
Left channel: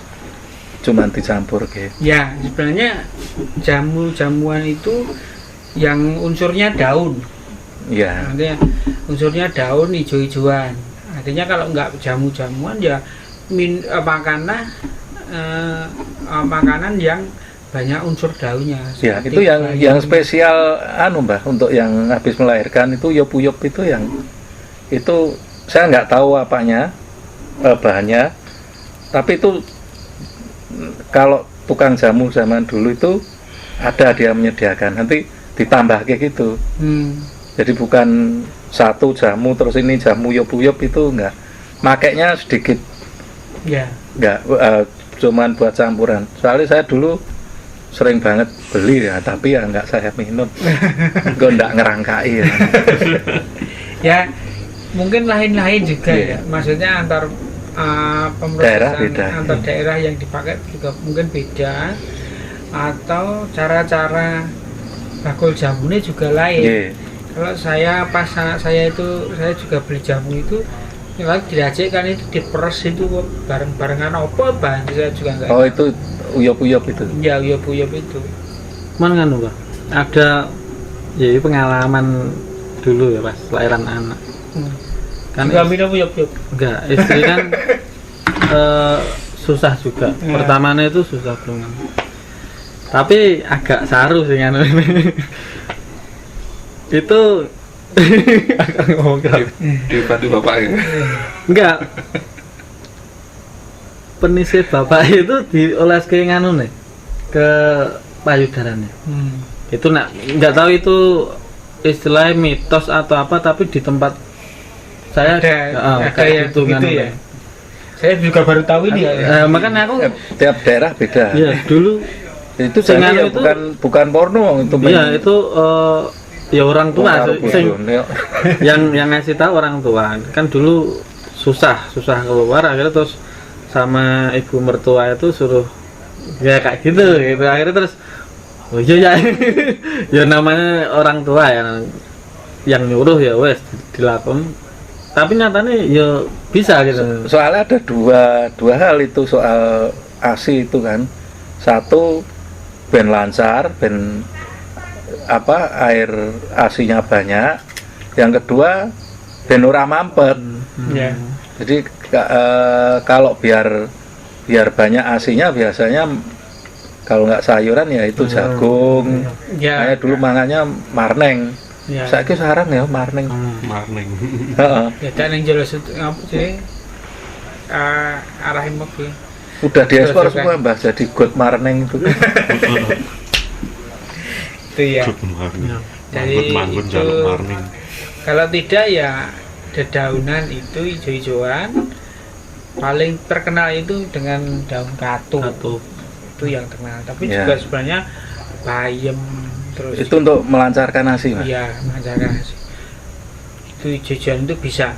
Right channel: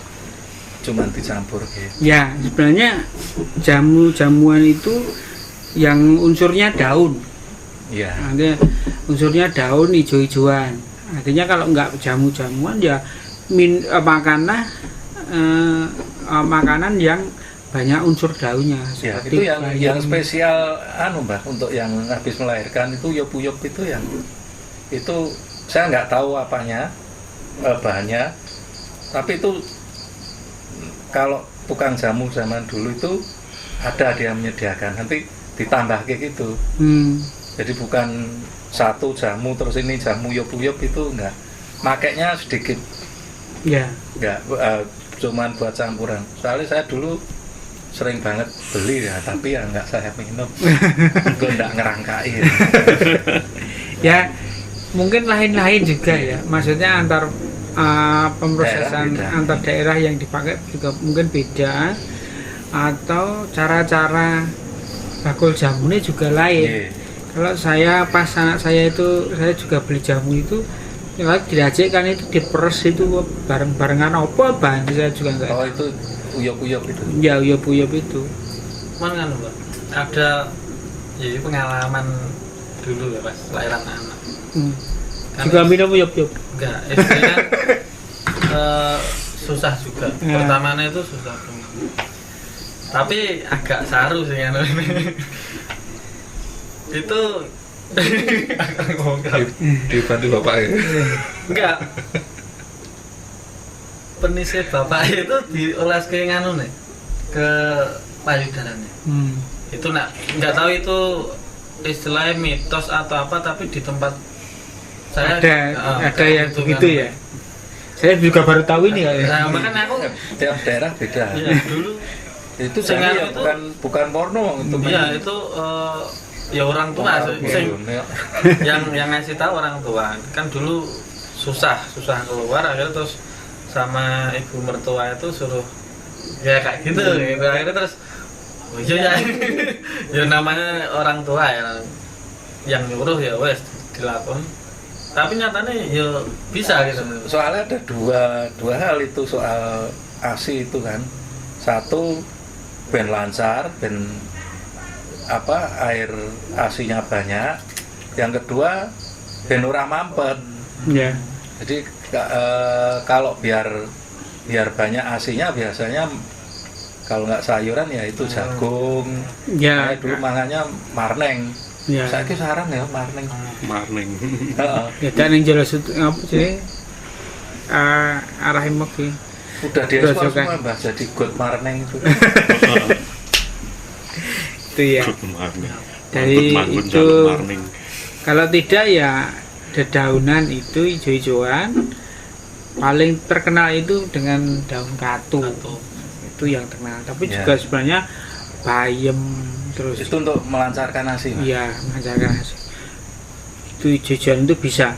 cuman dicampur gitu. ya sebenarnya jamuan itu yang unsurnya daun. Ya. Artinya unsurnya daun hijau-hijauan. Artinya kalau enggak jamu-jamuan ya makanan yang banyak unsur daunnya. Ya, seperti itu yang bayam. spesial Mbak untuk yang habis melahirkan itu uyup-uyup itu yang itu saya nggak tahu apanya bahannya, tapi itu kalau tukang jamu zaman dulu itu ada dia menyediakan nanti ditambah kayak gitu. Jadi bukan satu jamu terus ini jamu uyup-uyup itu enggak, makainya sedikit, Ya. enggak cuman buat campuran. Soalnya saya dulu sering banget beli ya, tapi ya enggak saya minum. Gue enggak ngerangkai ya. Ya, mungkin lain-lain juga ya. Maksudnya antar pemrosesan Daerah beda. antar daerah yang dipakai juga mungkin beda, atau cara-cara bakul jamunya juga lain. Iya. Kalau saya pas anak saya itu, saya juga beli jamu itu kalau diracikkan itu diperes itu bareng-barengan apa bahan saya juga enggak. Oh itu uyup-uyup itu. Ya uyup-uyup itu. Cuman kan Pak, ada ya pengalaman dulu ya pas lahiran anak. Kan Juga minum uyup-uyup. enggak, istri kan susah juga. Ya. Pertamanya itu susah banget. Tapi agak saru sih kan. Itu Dibantu bapak ya. enggak. Penisir bapak itu dioles ke nganu nih, ke payudaranya. Itu nggak tahu itu istilahnya mitos atau apa, tapi di tempat saya Ada yang gitu begitu kan. ya. Saya juga baru tahu ini ya. Makanya aku Tiap daerah beda. ya dulu Itu Sing jadi anu ya itu- bukan porno itu. ya itu ya orang tua sing Ya. yang ngasih tahu orang tua kan dulu susah keluar, akhirnya terus sama ibu mertua itu suruh ya kayak gitu gitu akhirnya terus oh iya ya ya namanya orang tua ya yang nyuruh ya wes dilakukan tapi nyatanya ya bisa gitu. Soalnya ada dua hal itu soal ASI itu kan. Satu, ben lancar, ben air ASI-nya banyak. Yang kedua, ben ora mampet. Ya. Jadi kalau biar banyak ASI-nya biasanya kalau nggak sayuran ya itu jagung. Ya. Saya dulu mangannya marneng. Ya. Saiki sarang ya marneng. Marning. Heeh. Ya dan yang jelas itu apa sih? Arah imek sih. Udah diekspor Grojogan. semua Mbah jadi god marneng itu. Itu ya. Marning. Dari Manggut, itu marning. kalau tidak ya dedaunan itu hijau-hijauan. Paling terkenal itu dengan daun katu. Itu yang terkenal. Tapi Ya. juga sebenarnya bayam terus. Itu untuk melancarkan ASI, Mas. Iya, mengajarkan hasil. Itu hijau-hijauan itu bisa.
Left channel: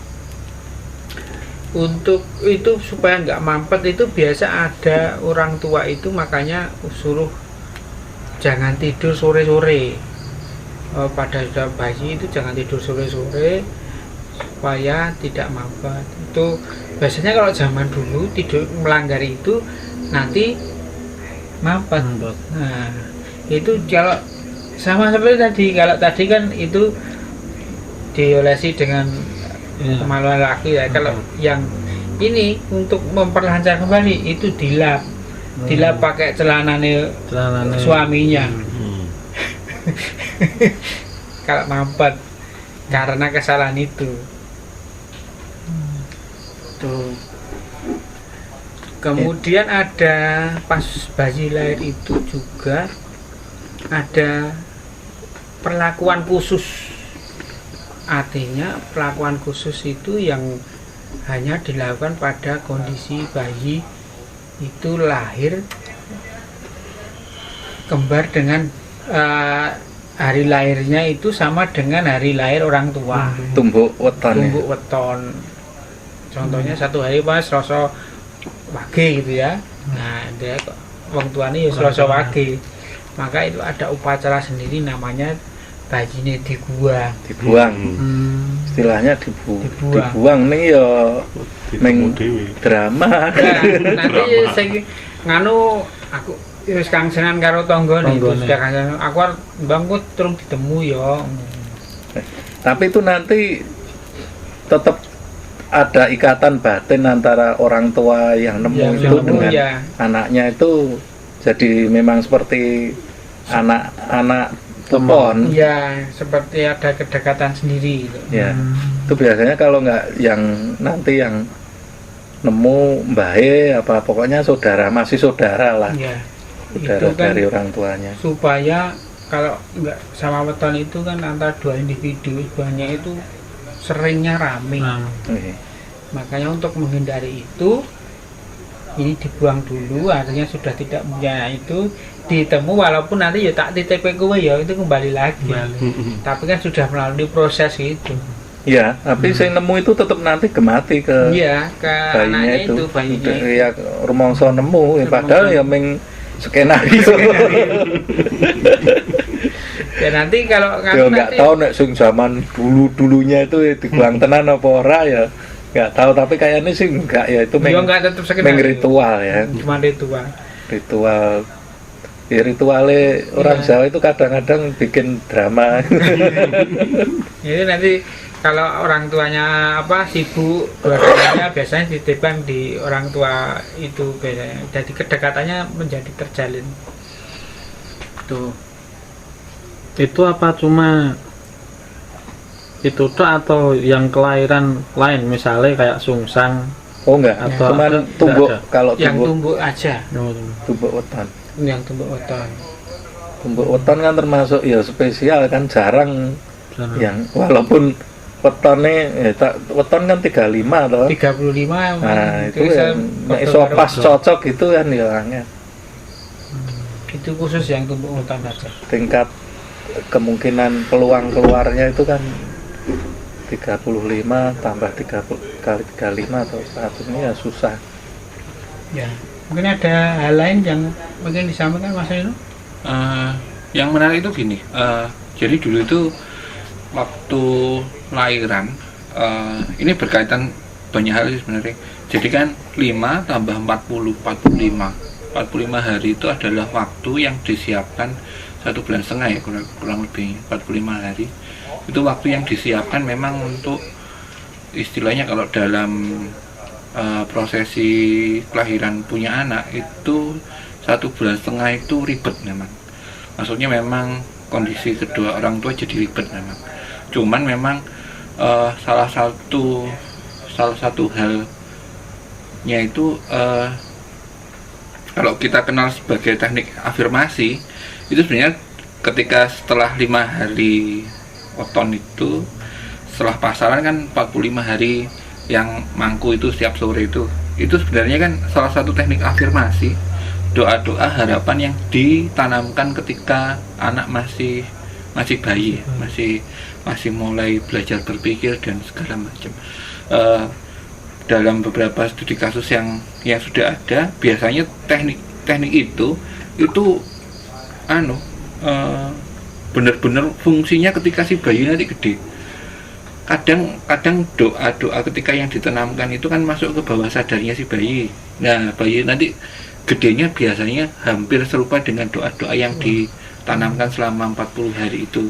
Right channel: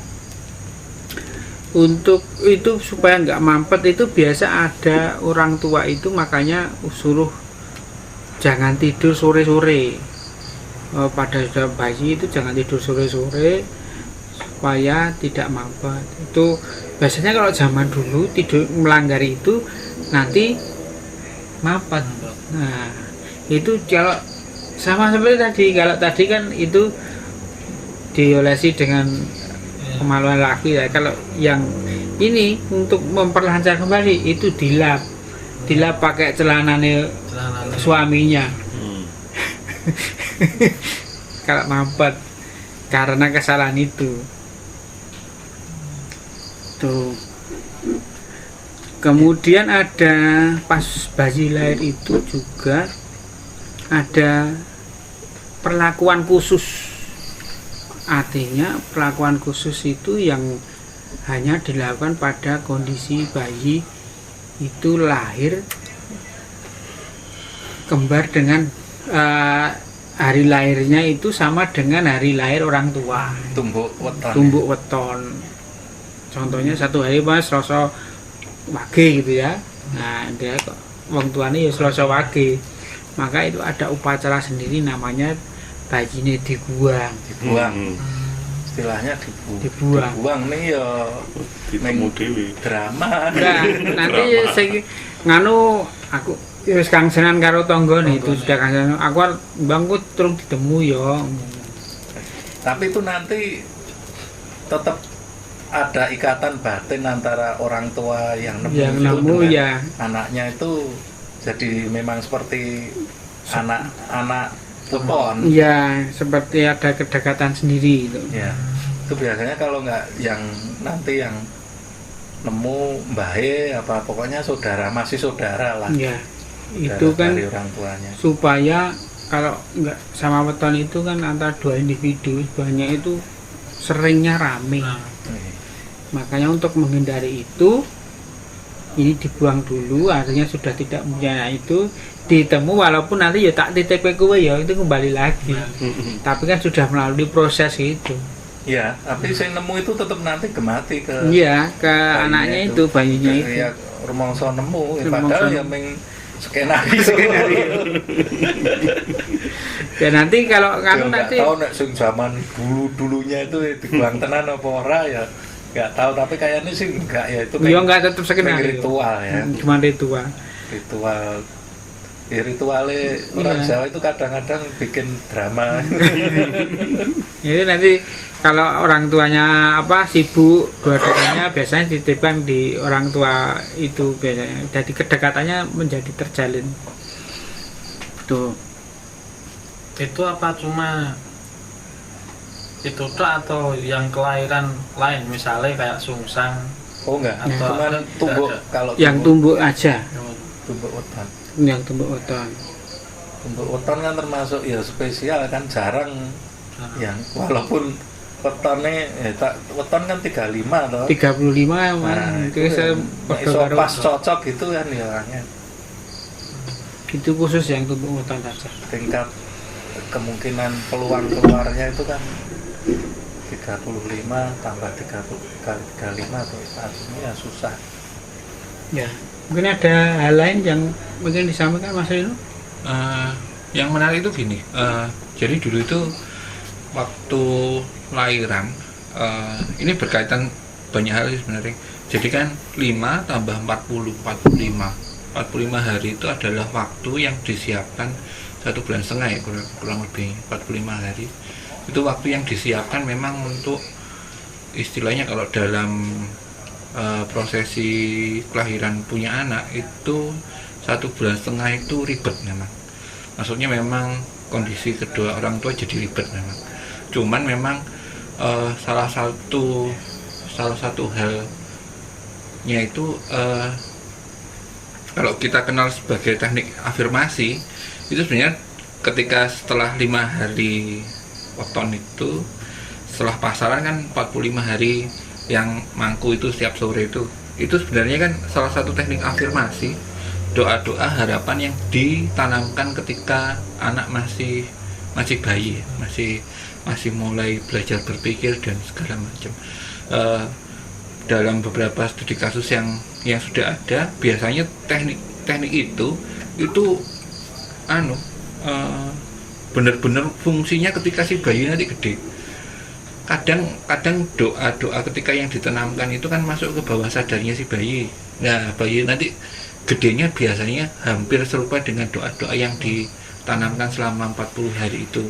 Untuk itu supaya nggak mampet itu biasa ada orang tua itu makanya suruh jangan tidur sore-sore. Pada sudah bayi itu jangan tidur sore-sore supaya tidak mampet. Itu biasanya kalau zaman dulu tidur melanggar itu nanti mampet. Nah, itu kalau sama seperti tadi, kalau tadi kan itu diolesi dengan kemaluan laki ya. Kalau yang ini untuk memperlancar kembali itu dilap pakai celananya suaminya. Kalau mampet karena kesalahan itu tuh. Kemudian ada pas bayi lahir itu juga ada perlakuan khusus. Artinya perlakuan khusus itu yang hanya dilakukan pada kondisi bayi itu lahir kembar dengan hari lahirnya itu sama dengan hari lahir orang tua. Tumbuk weton. Tumbuk weton. Contohnya satu hari pas Selasa Wage gitu ya. Nah, dia kok wong tuane ya Selasa Wage. Maka itu ada upacara sendiri namanya bayinya dibuang. Dibuang. Hmm. Istilahnya Dibuang. dibuang nih ya Ditemu dewi. drama. Nah, nanti saya nganu aku wis kangsenan karo tanggane itu Tanggane. sudah kangsenan aku bangku terus ditemu ya. Tapi itu nanti tetap ada ikatan batin antara orang tua yang nemu Yang itu nemu, dengan ya. anaknya itu jadi memang seperti anak-anak tepon. Ya, seperti ada kedekatan sendiri gitu. Ya, itu biasanya kalau nggak yang nanti yang nemu mbahe apa pokoknya saudara masih saudara lah. Ya. Saudara Itu kan dari orang tuanya. supaya kalau nggak sama weton itu kan antara dua individu banyak itu seringnya rame. Oke. Makanya untuk menghindari itu ini dibuang dulu, artinya sudah tidak punya itu ditemu walaupun nanti ya tak titip kowe ya itu kembali lagi. Tapi kan sudah melalui proses itu. Ya, tapi saya nemu itu tetap nanti gemati ke Iya, ke bayinya anaknya itu, bayinya itu. Ya rumangsa nemu ya, Rumangsa padahal ya nemu. meng skenario. Ya nanti kalau kan Ya nggak nanti tahu nek sing zaman dulunya itu ya dibuang tenan apa ora ya nggak tahu, tapi kayaknya sih enggak ya, itu ya nggak tetap meng skenario. ritual ya, Cuma ritual. ya ritualnya orang Iya. Jawa itu kadang-kadang bikin drama. Itu nanti kalau orang tuanya sibuk dua-duanya biasanya dititipkan di orang tua itu biasanya. Jadi kedekatannya menjadi terjalin. Tuh. Itu apa cuma itu tok atau yang kelahiran lain misalnya kayak sungsang Oh enggak, Atau cuman ada- tumbuk ada. kalau Yang tumbuk aja, tumbuk weton. yang tumbuk weton. Tumbuk weton kan termasuk ya spesial kan, jarang Jarang. yang walaupun wetonnya weton kan 35 toh. 35 Nah, itu itu saya yang podo iso karo- pas cocok itu kan ya orangnya. itu khusus yang tumbuk weton saja. Tingkat kemungkinan peluang keluarnya itu kan 35 tambah 30 kali 35 atau 100 ini ya susah. Ya, mungkin ada hal lain yang mungkin disampaikan Mas Rino? Yang menarik itu gini, jadi dulu itu waktu lahiran, ini berkaitan banyak hal sih sebenarnya. Jadi kan 5 tambah 40, 45 hari itu adalah waktu yang disiapkan 1,5 bulan ya, kurang lebih 45 hari. Itu waktu yang disiapkan memang untuk istilahnya kalau dalam prosesi kelahiran punya anak itu 1,5 bulan itu ribet memang. Maksudnya memang kondisi kedua orang tua jadi ribet memang. Cuman memang salah satu halnya itu kalau kita kenal sebagai teknik afirmasi itu sebenarnya ketika setelah 5 hari weton itu, setelah pasaran kan 45 hari yang mangku itu setiap sore itu sebenarnya kan salah satu teknik afirmasi, doa-doa harapan yang ditanamkan ketika anak masih bayi, masih mulai belajar berpikir dan segala macam. Dalam beberapa studi kasus yang sudah ada, biasanya teknik itu benar-benar fungsinya ketika si bayi nanti gede. Kadang doa ketika yang ditanamkan itu kan masuk ke bawah sadarnya si bayi. Nah, bayi nanti gedenya biasanya hampir serupa dengan doa-doa yang ditanamkan selama 40 hari itu.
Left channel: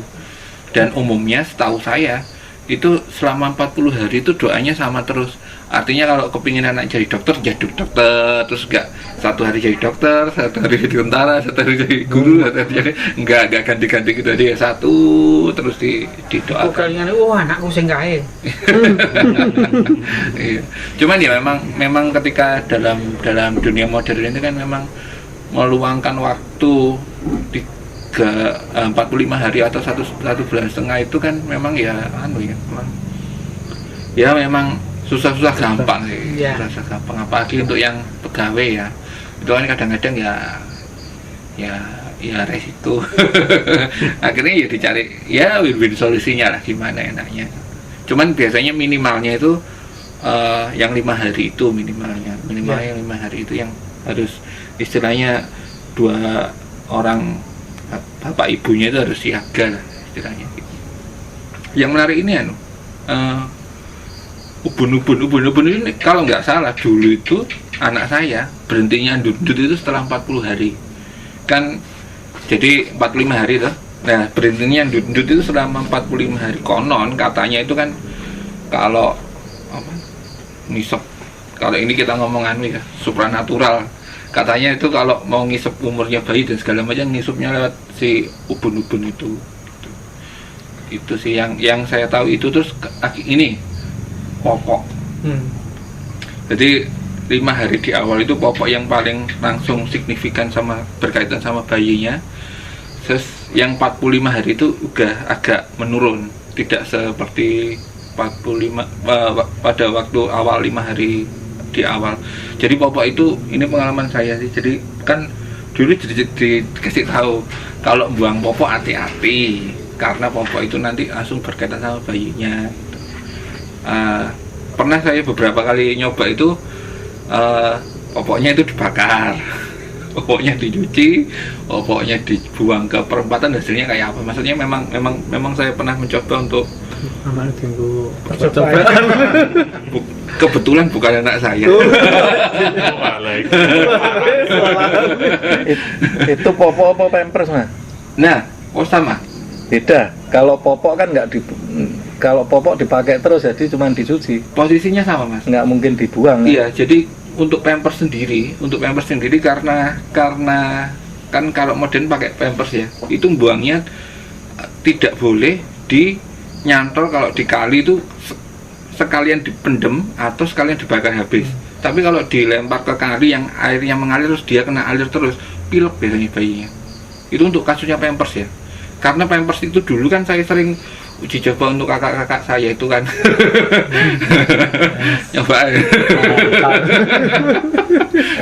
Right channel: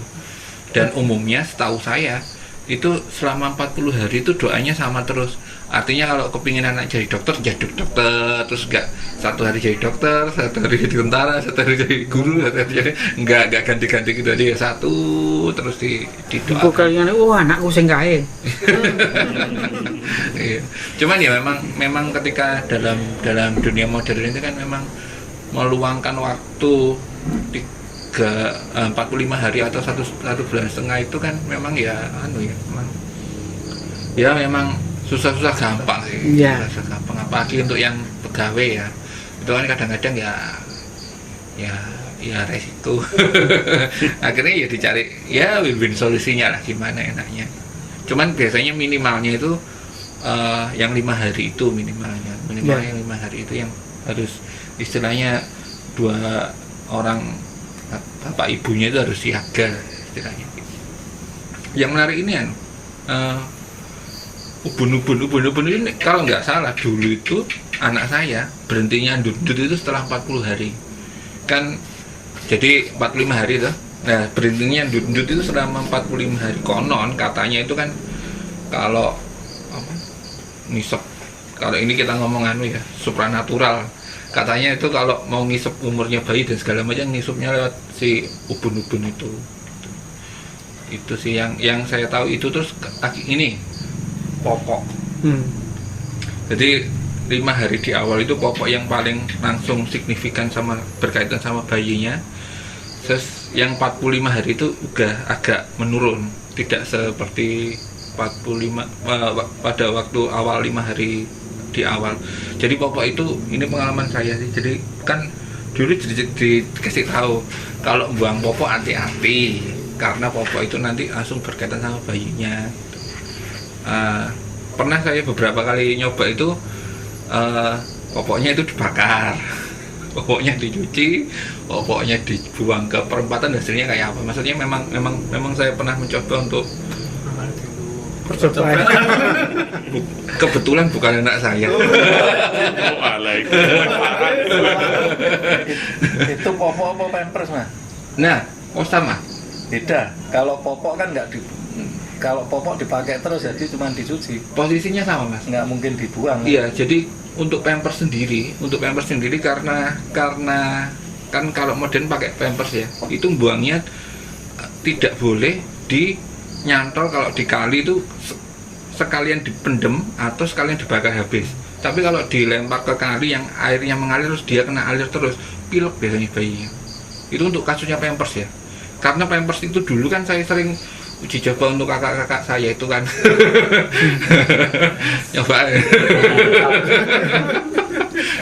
Dan umumnya setahu saya itu selama 40 hari itu doanya sama terus. Artinya kalau kepingin anak jadi dokter, jadi dokter, terus enggak 1 hari jadi dokter, 1 hari jadi tentara, 1 hari jadi guru, 1 hari jadi enggak ganti-ganti gitu aja, satu terus didoakan. Kalian anakku sing kae. Iya. Cuman ya memang ketika dalam dunia modern itu kan memang meluangkan waktu 45 hari atau 1,5 bulan itu kan memang ya memang susah gampang sih. Yeah. Susah gampang, apalagi untuk yang pegawai ya. Itu kan kadang-kadang ya resiko. Akhirnya ya dicari ya win-win solusinya lah, gimana enaknya. Cuman biasanya minimalnya itu yang 5 hari itu minimalnya yang 5 hari itu yang harus istilahnya 2 orang bapak ibunya itu harus siaga istilahnya. Yang menarik ini ubun ini kalau nggak salah dulu itu anak saya berhentinya ndut itu setelah 40 hari kan, jadi 45 hari tuh. Nah, berhentinya ndut itu selama 45 hari. Konon katanya itu kan kalau ngisep, kalau ini kita ngomong ya supranatural, katanya itu kalau mau ngisep umurnya bayi dan segala macam ngisupnya lewat si ubun-ubun itu sih yang saya tahu itu. Terus ini popok. Jadi 5 hari di awal itu popok yang paling langsung signifikan sama berkaitan sama bayinya. Terus yang 45 hari itu udah agak menurun, tidak seperti 45 pada waktu awal 5 hari di awal. Jadi popok itu, ini pengalaman saya sih. Jadi kan dulu dikasih tahu kalau buang popok hati-hati karena popok itu nanti langsung berkaitan sama bayinya. Pernah saya beberapa kali nyoba itu, popoknya itu dibakar, popoknya dicuci, popoknya dibuang ke perempatan, hasilnya kayak apa? Maksudnya memang saya pernah mencoba untuk kebetulan bukan anak saya. Itu popok apa pampers, Mas? Nah, sama. Beda. Kalau popok kan kalau popok dipakai terus, jadi cuma dicuci. Posisinya sama, Mas. Nggak mungkin dibuang. Iya, jadi untuk pampers sendiri karena kan kalau modern pakai pampers ya, itu buangnya tidak boleh nyantol. Kalau di kali itu sekalian dipendem atau sekalian dibakar habis. Tapi kalau dilempar ke kali yang airnya mengalir terus dia kena alir terus, pilek biasanya bayinya. Itu untuk kasusnya pampers ya. Karena pampers itu dulu kan saya sering uji coba untuk kakak-kakak saya itu kan. Coba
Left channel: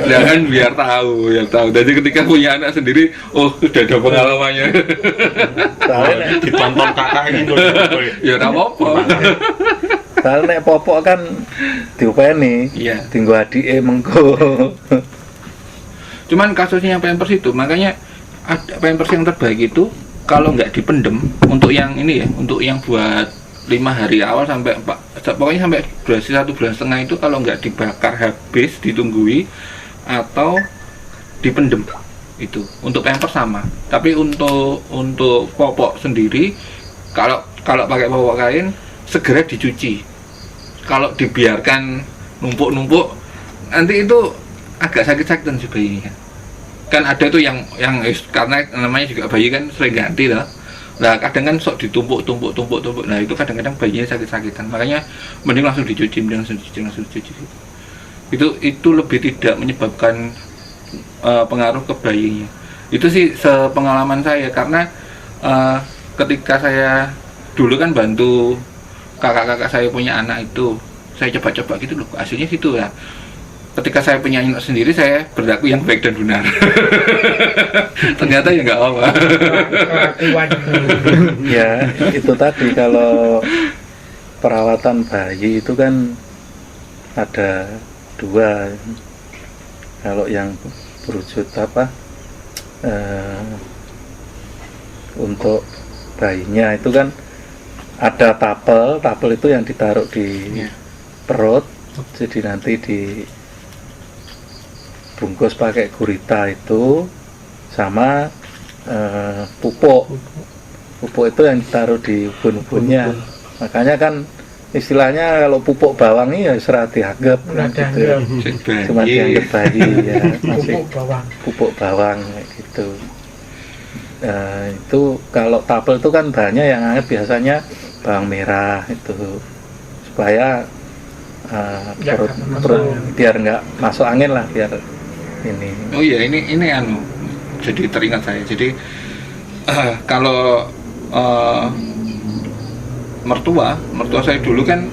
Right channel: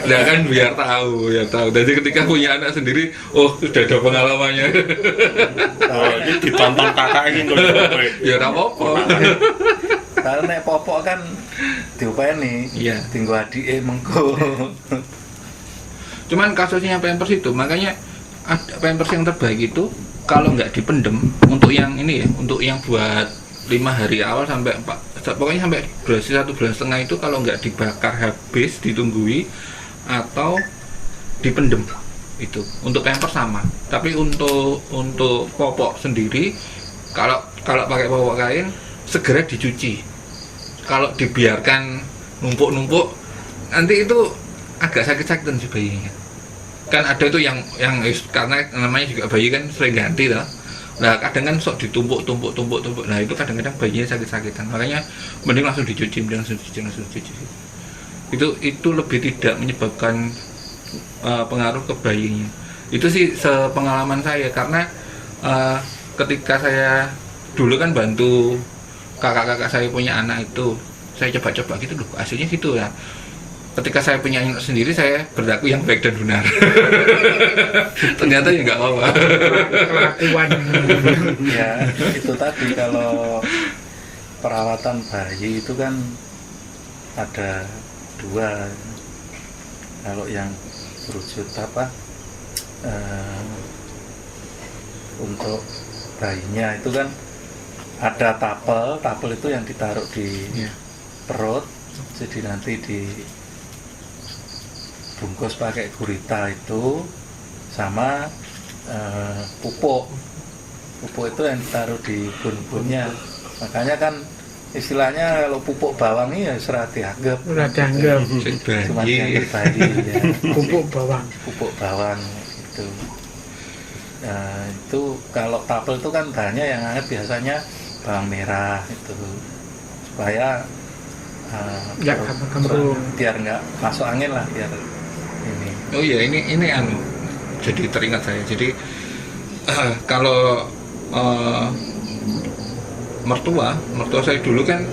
nah kan biar tahu. Jadi ketika punya anak sendiri, sudah ada pengalamannya. Ini ditonton kakak ini loh. Ya tak apa-apa. Padahal nek popok kan diupeni, Iya. tinggo adike mengko. Cuman kasusnya Pampers itu, makanya ada Pampers yang terbaik itu kalau nggak dipendem untuk yang ini ya, untuk yang buat 5 hari awal sampai pokoknya sampai durasi 1,5 bulan itu kalau nggak dibakar habis, ditunggui atau dipendem itu. Untuk Pampers sama, tapi untuk popok sendiri kalau pakai popok kain segera dicuci. Kalau dibiarkan numpuk-numpuk nanti itu agak sakit-sakitan si bayi kan ada itu yang karena namanya juga bayi kan sering ganti lah. Nah kadang kan sok ditumpuk, nah itu kadang-kadang bayinya sakit-sakitan, makanya mending langsung dicuci. Itu lebih tidak menyebabkan pengaruh ke bayinya. Itu sih sepengalaman saya, karena ketika saya dulu kan bantu kakak-kakak saya punya anak itu, saya coba-coba gitu loh, hasilnya situ ya. Ketika saya punya anak sendiri, saya berlaku yang baik dan benar. Ternyata ya nggak apa-apa. Kelakuan. Ya itu tadi, kalau perawatan bayi itu kan ada 2. Kalau yang berwujud untuk bayinya itu kan ada tapel itu yang ditaruh di perut, jadi nanti dibungkus pakai gurita itu sama pupuk itu yang ditaruh di ubun-ubunnya. Makanya kan istilahnya kalau pupuk bawang ini ya serah dianggap, Udah dianggap cuma dianggap bayi ya. pupuk bawang. Gitu. Itu kalau tapel itu kan bahannya yang hangat, biasanya bawang merah itu, supaya Nggak kembung. biar nggak masuk angin lah, biar ini. Oh iya, ini jadi teringat saya. Jadi kalau mertua saya dulu kan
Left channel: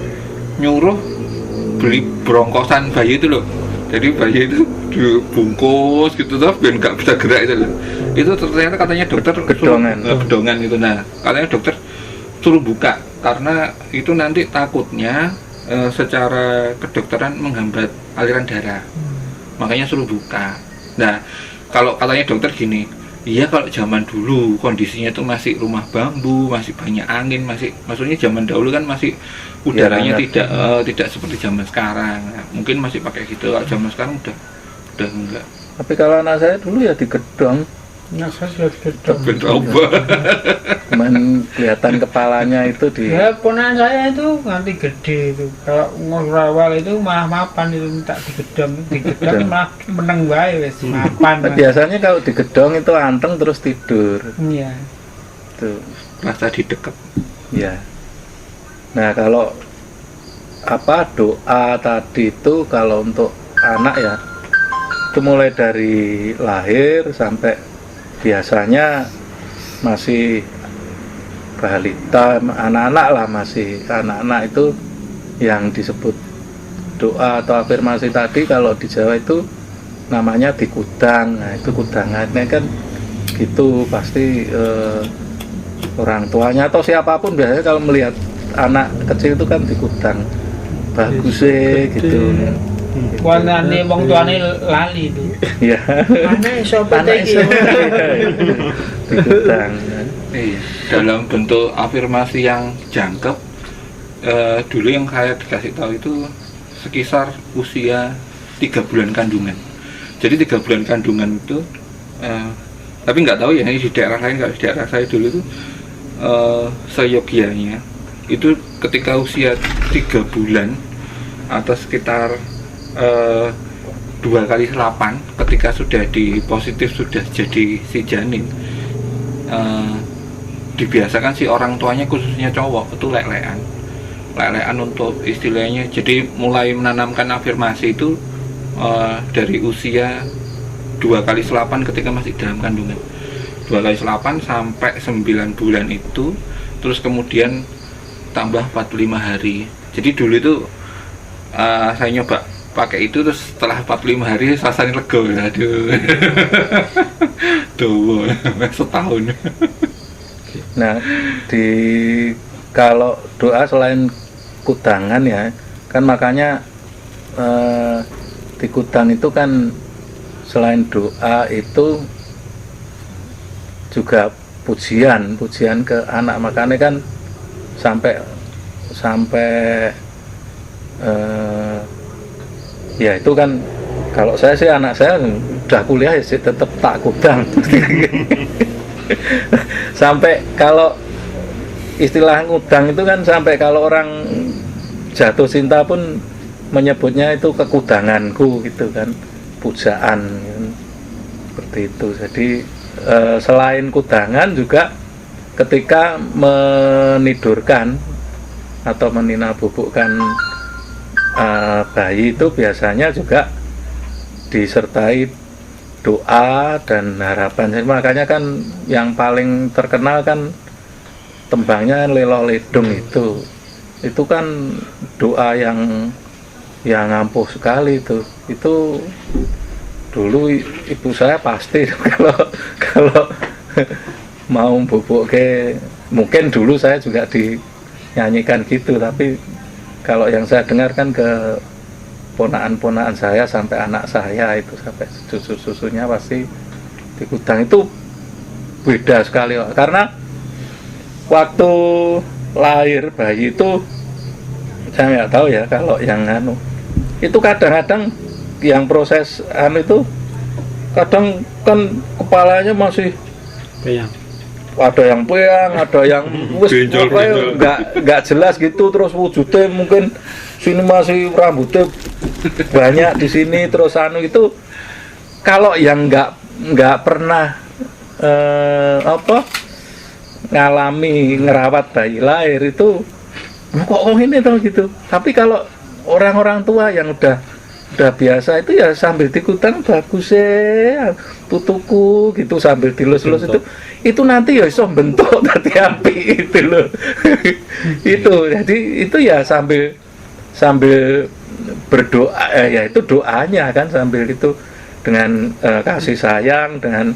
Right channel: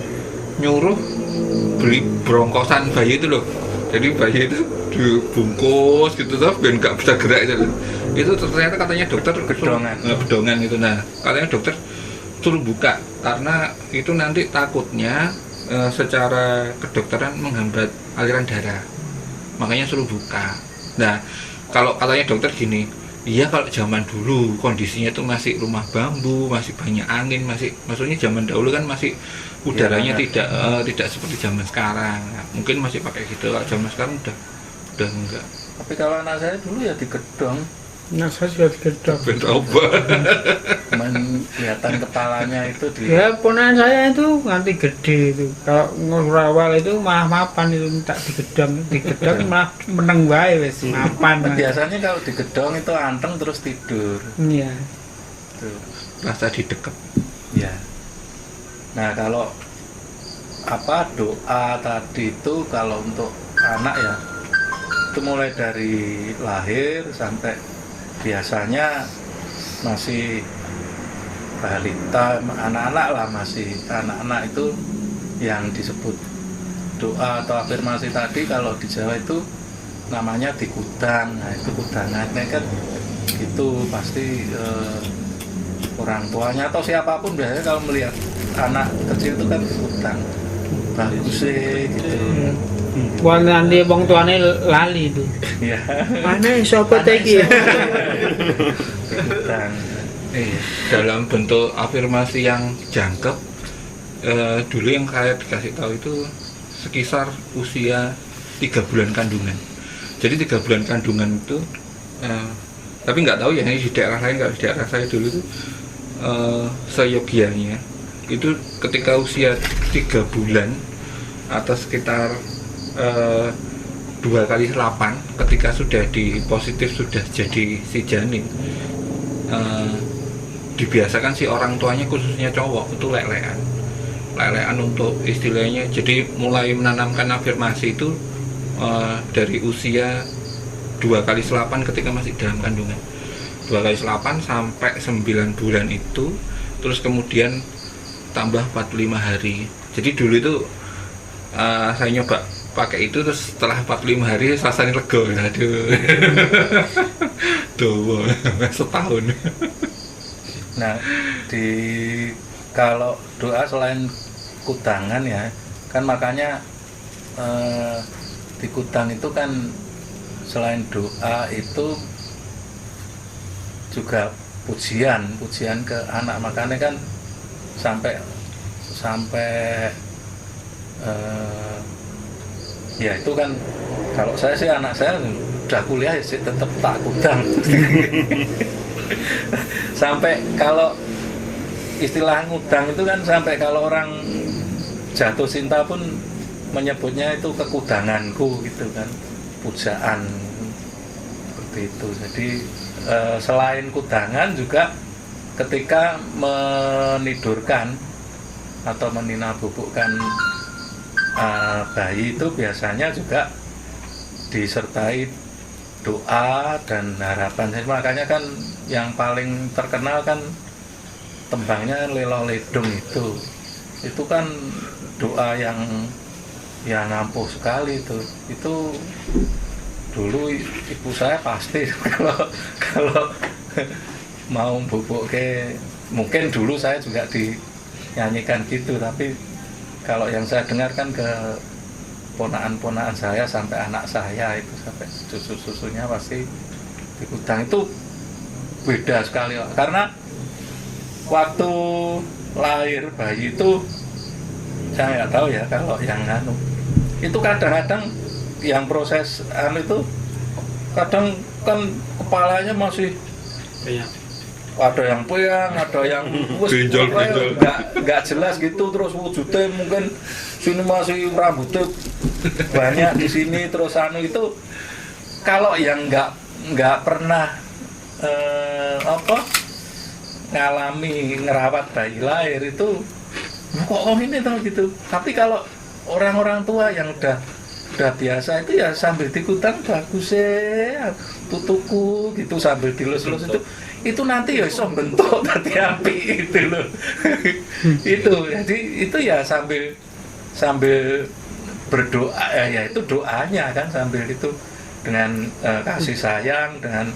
nyuruh beli brongkosan bayi itu loh. Jadi bayi itu dibungkus gitu tuh biar nggak bisa gerak itu loh. Itu ternyata katanya dokter bedongan itu. Nah katanya dokter suruh buka karena itu nanti takutnya secara kedokteran menghambat aliran darah, makanya suruh buka. Nah kalau katanya dokter gini, iya kalau zaman dulu kondisinya itu masih rumah bambu, masih banyak angin, maksudnya zaman dahulu kan masih udaranya tidak seperti zaman sekarang. Nah, mungkin masih pakai gitu. Kalau zaman sekarang udah enggak. Tapi kalau anak saya dulu ya digedong, Saya sudah digedong. cuman kelihatan kepalanya itu di Ya ponakan saya itu nganti gede itu. Kalau ngawal itu malah mapan, itu minta digedong malah meneng wae wis mapan. biasanya kalau digedong itu anteng terus tidur Iya. tuh. Rasa didekep. Ya. Nah kalau doa tadi itu kalau untuk anak ya, itu mulai dari lahir sampai biasanya masih balita, anak-anak lah, masih anak-anak itu yang disebut doa atau afirmasi tadi, kalau di Jawa itu namanya dikudang. Nah itu kudangannya kan gitu, pasti orang tuanya atau siapapun biasanya kalau melihat anak kecil itu kan dikudang, bagus sih gitu. Wah nanti wong tuane lali itu. Ya Aneh sapa iki? dikudang. Dalam bentuk afirmasi yang jangkep, dulu yang saya dikasih tahu itu sekitar usia 3 bulan kandungan. Jadi 3 bulan kandungan itu, tapi nggak tahu ya ini di daerah lain. Kalau di daerah saya dulu itu seyogianya itu ketika usia 3 bulan atau sekitar 2 kali 8, ketika sudah positif sudah jadi si janin, dibiasakan si orang tuanya khususnya cowok itu lelean untuk istilahnya. Jadi mulai menanamkan afirmasi itu dari usia 2 kali 8 ketika masih dalam kandungan, 2 kali 8 sampai 9 bulan itu, terus kemudian tambah 45 hari. Jadi dulu itu saya nyoba pakai itu, terus setelah 45 hari rasanya lega. Aduh. Tuh, setahun. Nah kalau doa selain kudangan ya, kan makanya di kudang itu kan selain doa itu juga pujian ke anak, makanya kan sampai ya itu kan kalau saya sih anak saya udah kuliah ya tetap tak kudang. Sampai kalau istilah ngudang itu kan sampai kalau orang jatuh cinta pun menyebutnya itu kekudanganku gitu kan, pujaan seperti itu. Jadi selain kudangan juga ketika menidurkan atau meninabubukkan bayi itu biasanya juga disertai doa dan harapan. Jadi makanya kan yang paling terkenal kan tembangnya Lelo Ledung itu kan doa yang ampuh sekali itu dulu ibu saya pasti kalau mau bubuk ke, mungkin dulu saya juga dinyanyikan gitu, tapi kalau yang saya dengarkan ke ponaan-ponaan saya sampai anak saya itu sampai susu-susunya pasti di kudang itu beda sekali, karena waktu lahir bayi itu saya nggak tahu ya kalau yang itu kadang-kadang yang proses itu kadang kan kepalanya masih ada yang peang, ada yang nggak jelas gitu, terus wujudnya mungkin sini masih rambutnya banyak di sini, terus itu kalau yang nggak pernah ngalami ngerawat bayi lahir itu kok ini tau gitu. Tapi kalau orang-orang tua yang udah biasa itu ya sambil dikutang bagus ya tutuku gitu sambil dilus-lus itu nanti ya iso bentuk tadi api itu loh. Itu jadi itu ya sambil berdoa ya itu doanya kan sambil itu dengan kasih sayang dengan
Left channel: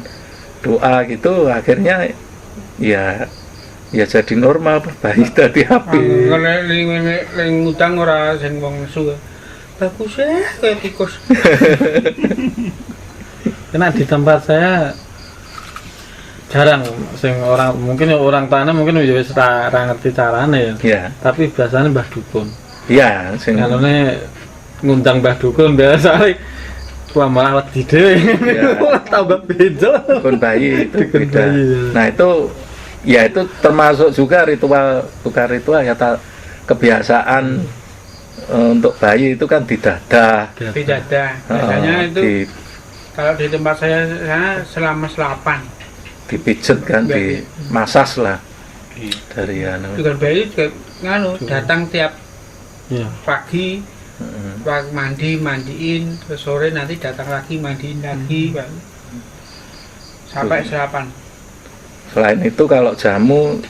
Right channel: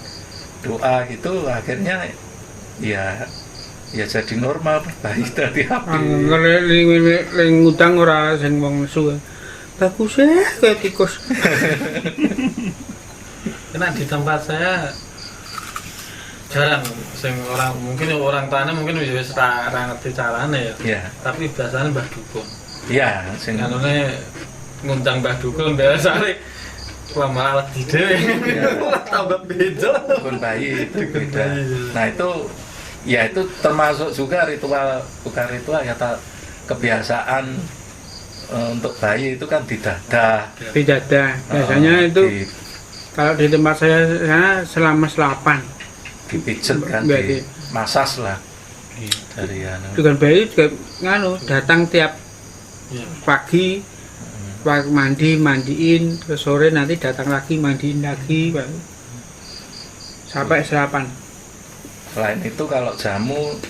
doa gitu akhirnya ya jadi normal bayi tadi api. Kalau ngutang ora sing wong nesu. Bagus ya kayak tikus. Karena di tempat saya jarang sing orang mungkin orang tanah mungkin wis ora ngerti carane ya. Iya. Tapi biasanya Mbah Dukun. Iya, sing Kalone ngundang Mbah Dukun biasane wah malah wedi dhewe. Tambah beda. dukun bayi itu Dukun beda. bayi. Nah itu termasuk juga ritual, bukan ritual ya kebiasaan untuk bayi itu kan di dada. Di dada. Biasanya itu kalau di tempat saya sana selama 8 dipijet kan, dimasas lah dari Dengan bayi juga datang tiap Ya. pagi mandiin, terus sore nanti datang lagi mandiin lagi sampai serapan. Selain itu kalau jamu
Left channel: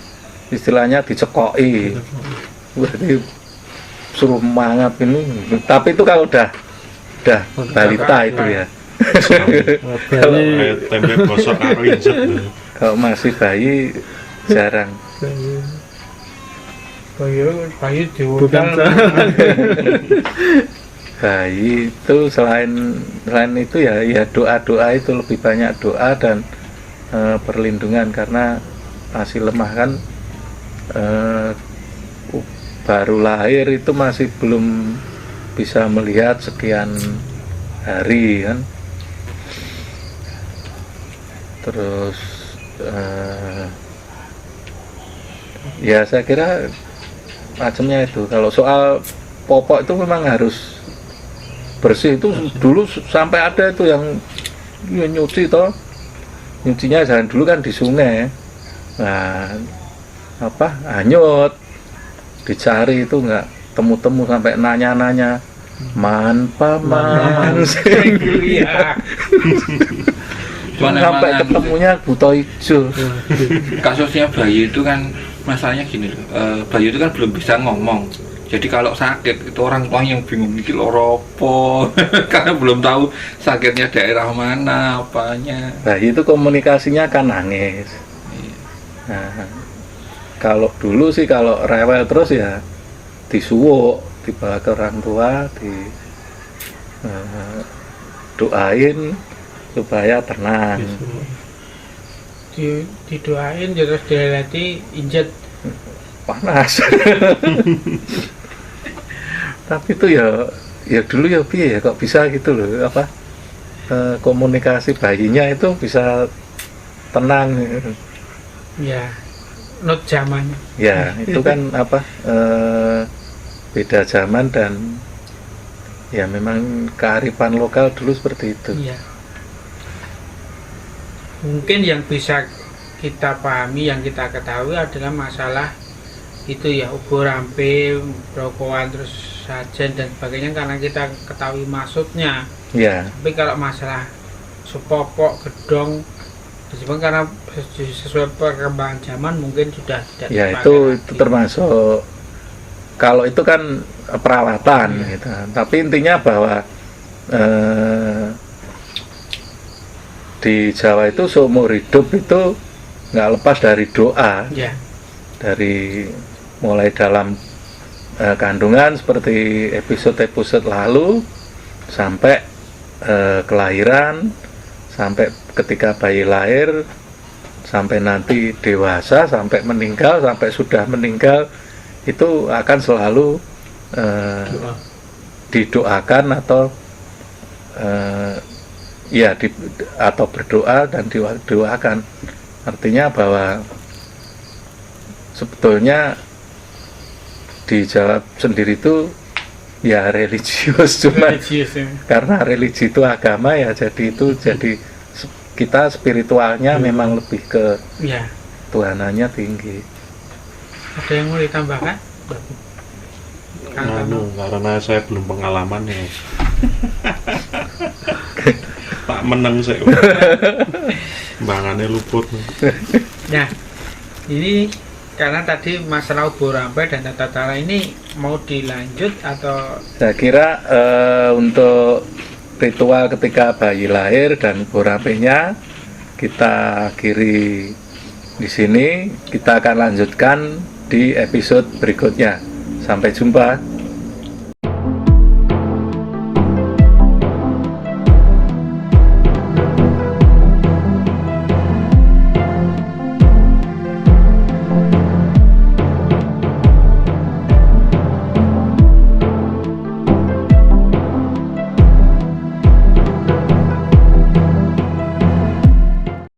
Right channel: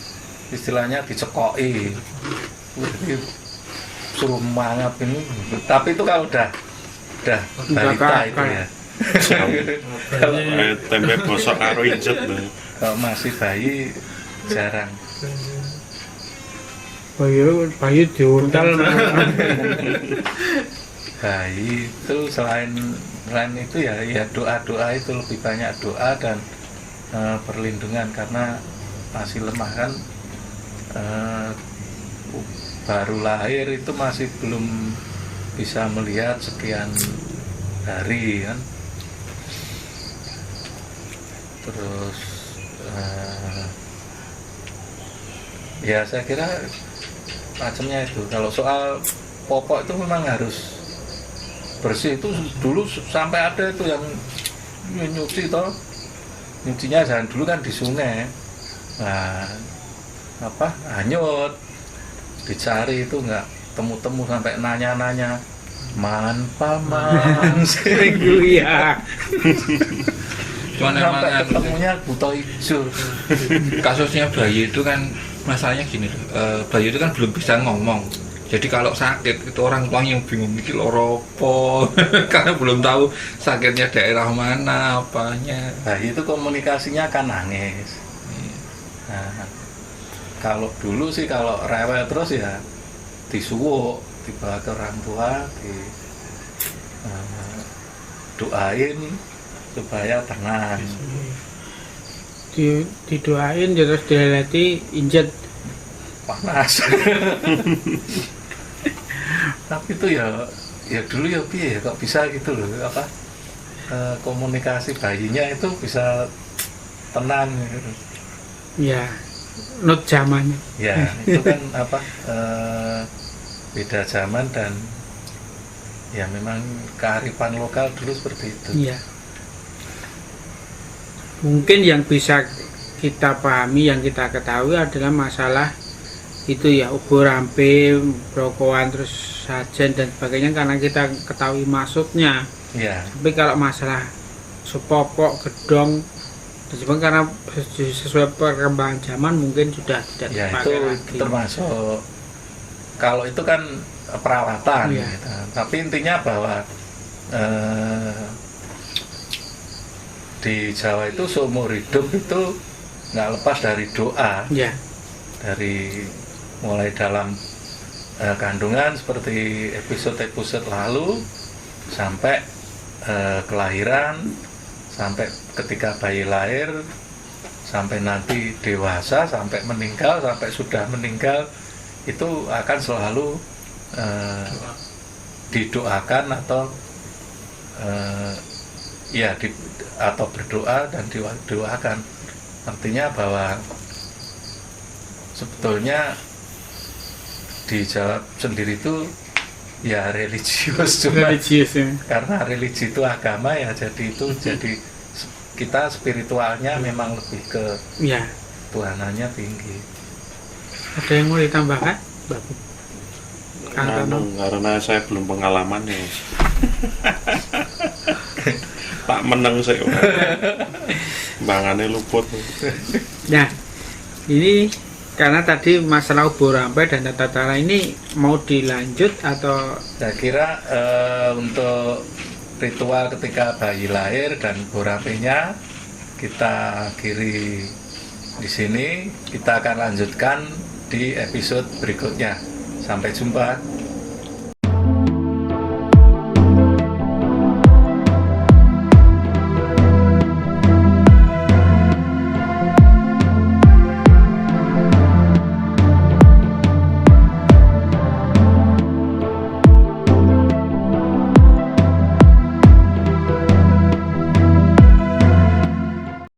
istilahnya dicekoki, berarti suruh mangap ini. Tapi itu kalau udah balita itu ya. Bayi tempe gosok karo injet. Kalau masih bayi jarang. Bayi diurtal. Bayi itu selain itu ya doa itu lebih banyak doa dan perlindungan karena masih lemah kan, baru lahir itu masih belum bisa melihat sekian hari kan, terus ya saya kira macamnya itu. Kalau soal popok itu memang harus bersih, itu dulu sampai ada itu yang nyuci toh, nyucinya jangan dulu kan di sungai, nah hanyut dicari itu nggak temu sampai nanya paman Sering ya. Cuman sampai emang ketemunya buto hijau. kasusnya bayi itu kan masalahnya gini loh, bayi itu kan belum bisa ngomong. Jadi kalau sakit itu orang tua yang bingung mikir loropo karena belum tahu sakitnya daerah mana apanya. Bayi itu komunikasinya kan nangis. Nah, kalau dulu sih kalau rewel terus ya disuwuk, dibawa ke orang tua, doain supaya tenang. Didoain terus dileleti injet. Panas. Tapi itu ya dulu ya piye ya kok bisa gitu loh, apa komunikasi bayinya itu bisa tenang. Ya, not zaman. Ya itu kan apa beda zaman dan ya memang kearifan lokal dulu seperti itu. Iya. Mungkin yang bisa kita pahami, yang kita ketahui adalah masalah itu ya, ubur rampe, brokowan, terus sajen dan sebagainya karena kita ketahui maksudnya. Ya. Tapi kalau masalah sepopok, gedong, dan sebagainya karena sesuai perkembangan zaman mungkin sudah tidak Ya dipakai itu lagi. termasuk, kalau itu kan perawatan Iya. gitu. Tapi intinya bahwa di Jawa itu seumur hidup itu nggak lepas dari doa, Ya, dari mulai dalam kandungan seperti episode-episode lalu sampai kelahiran, sampai ketika bayi lahir, sampai nanti dewasa, sampai meninggal, sampai sudah meninggal, itu akan selalu didoakan atau atau berdoa dan didoakan. Artinya bahwa sebetulnya di Jawa sendiri itu ya religius, cuma religius ya. karena religi itu agama ya, jadi itu jadi kita spiritualnya memang lebih ke Ya, Tuhanannya tinggi. ada yang mau ditambahkan? Bagus. Kang Tono. Karena saya belum pengalaman ya. Tak meneng sih. Bangannya luput. Nah, ini karena tadi masalah ubur rampe dan tata cara ini mau dilanjut atau Saya kira untuk ritual ketika bayi lahir dan ubur rampenya kita akhiri di sini. Kita akan lanjutkan di episode berikutnya. Sampai jumpa.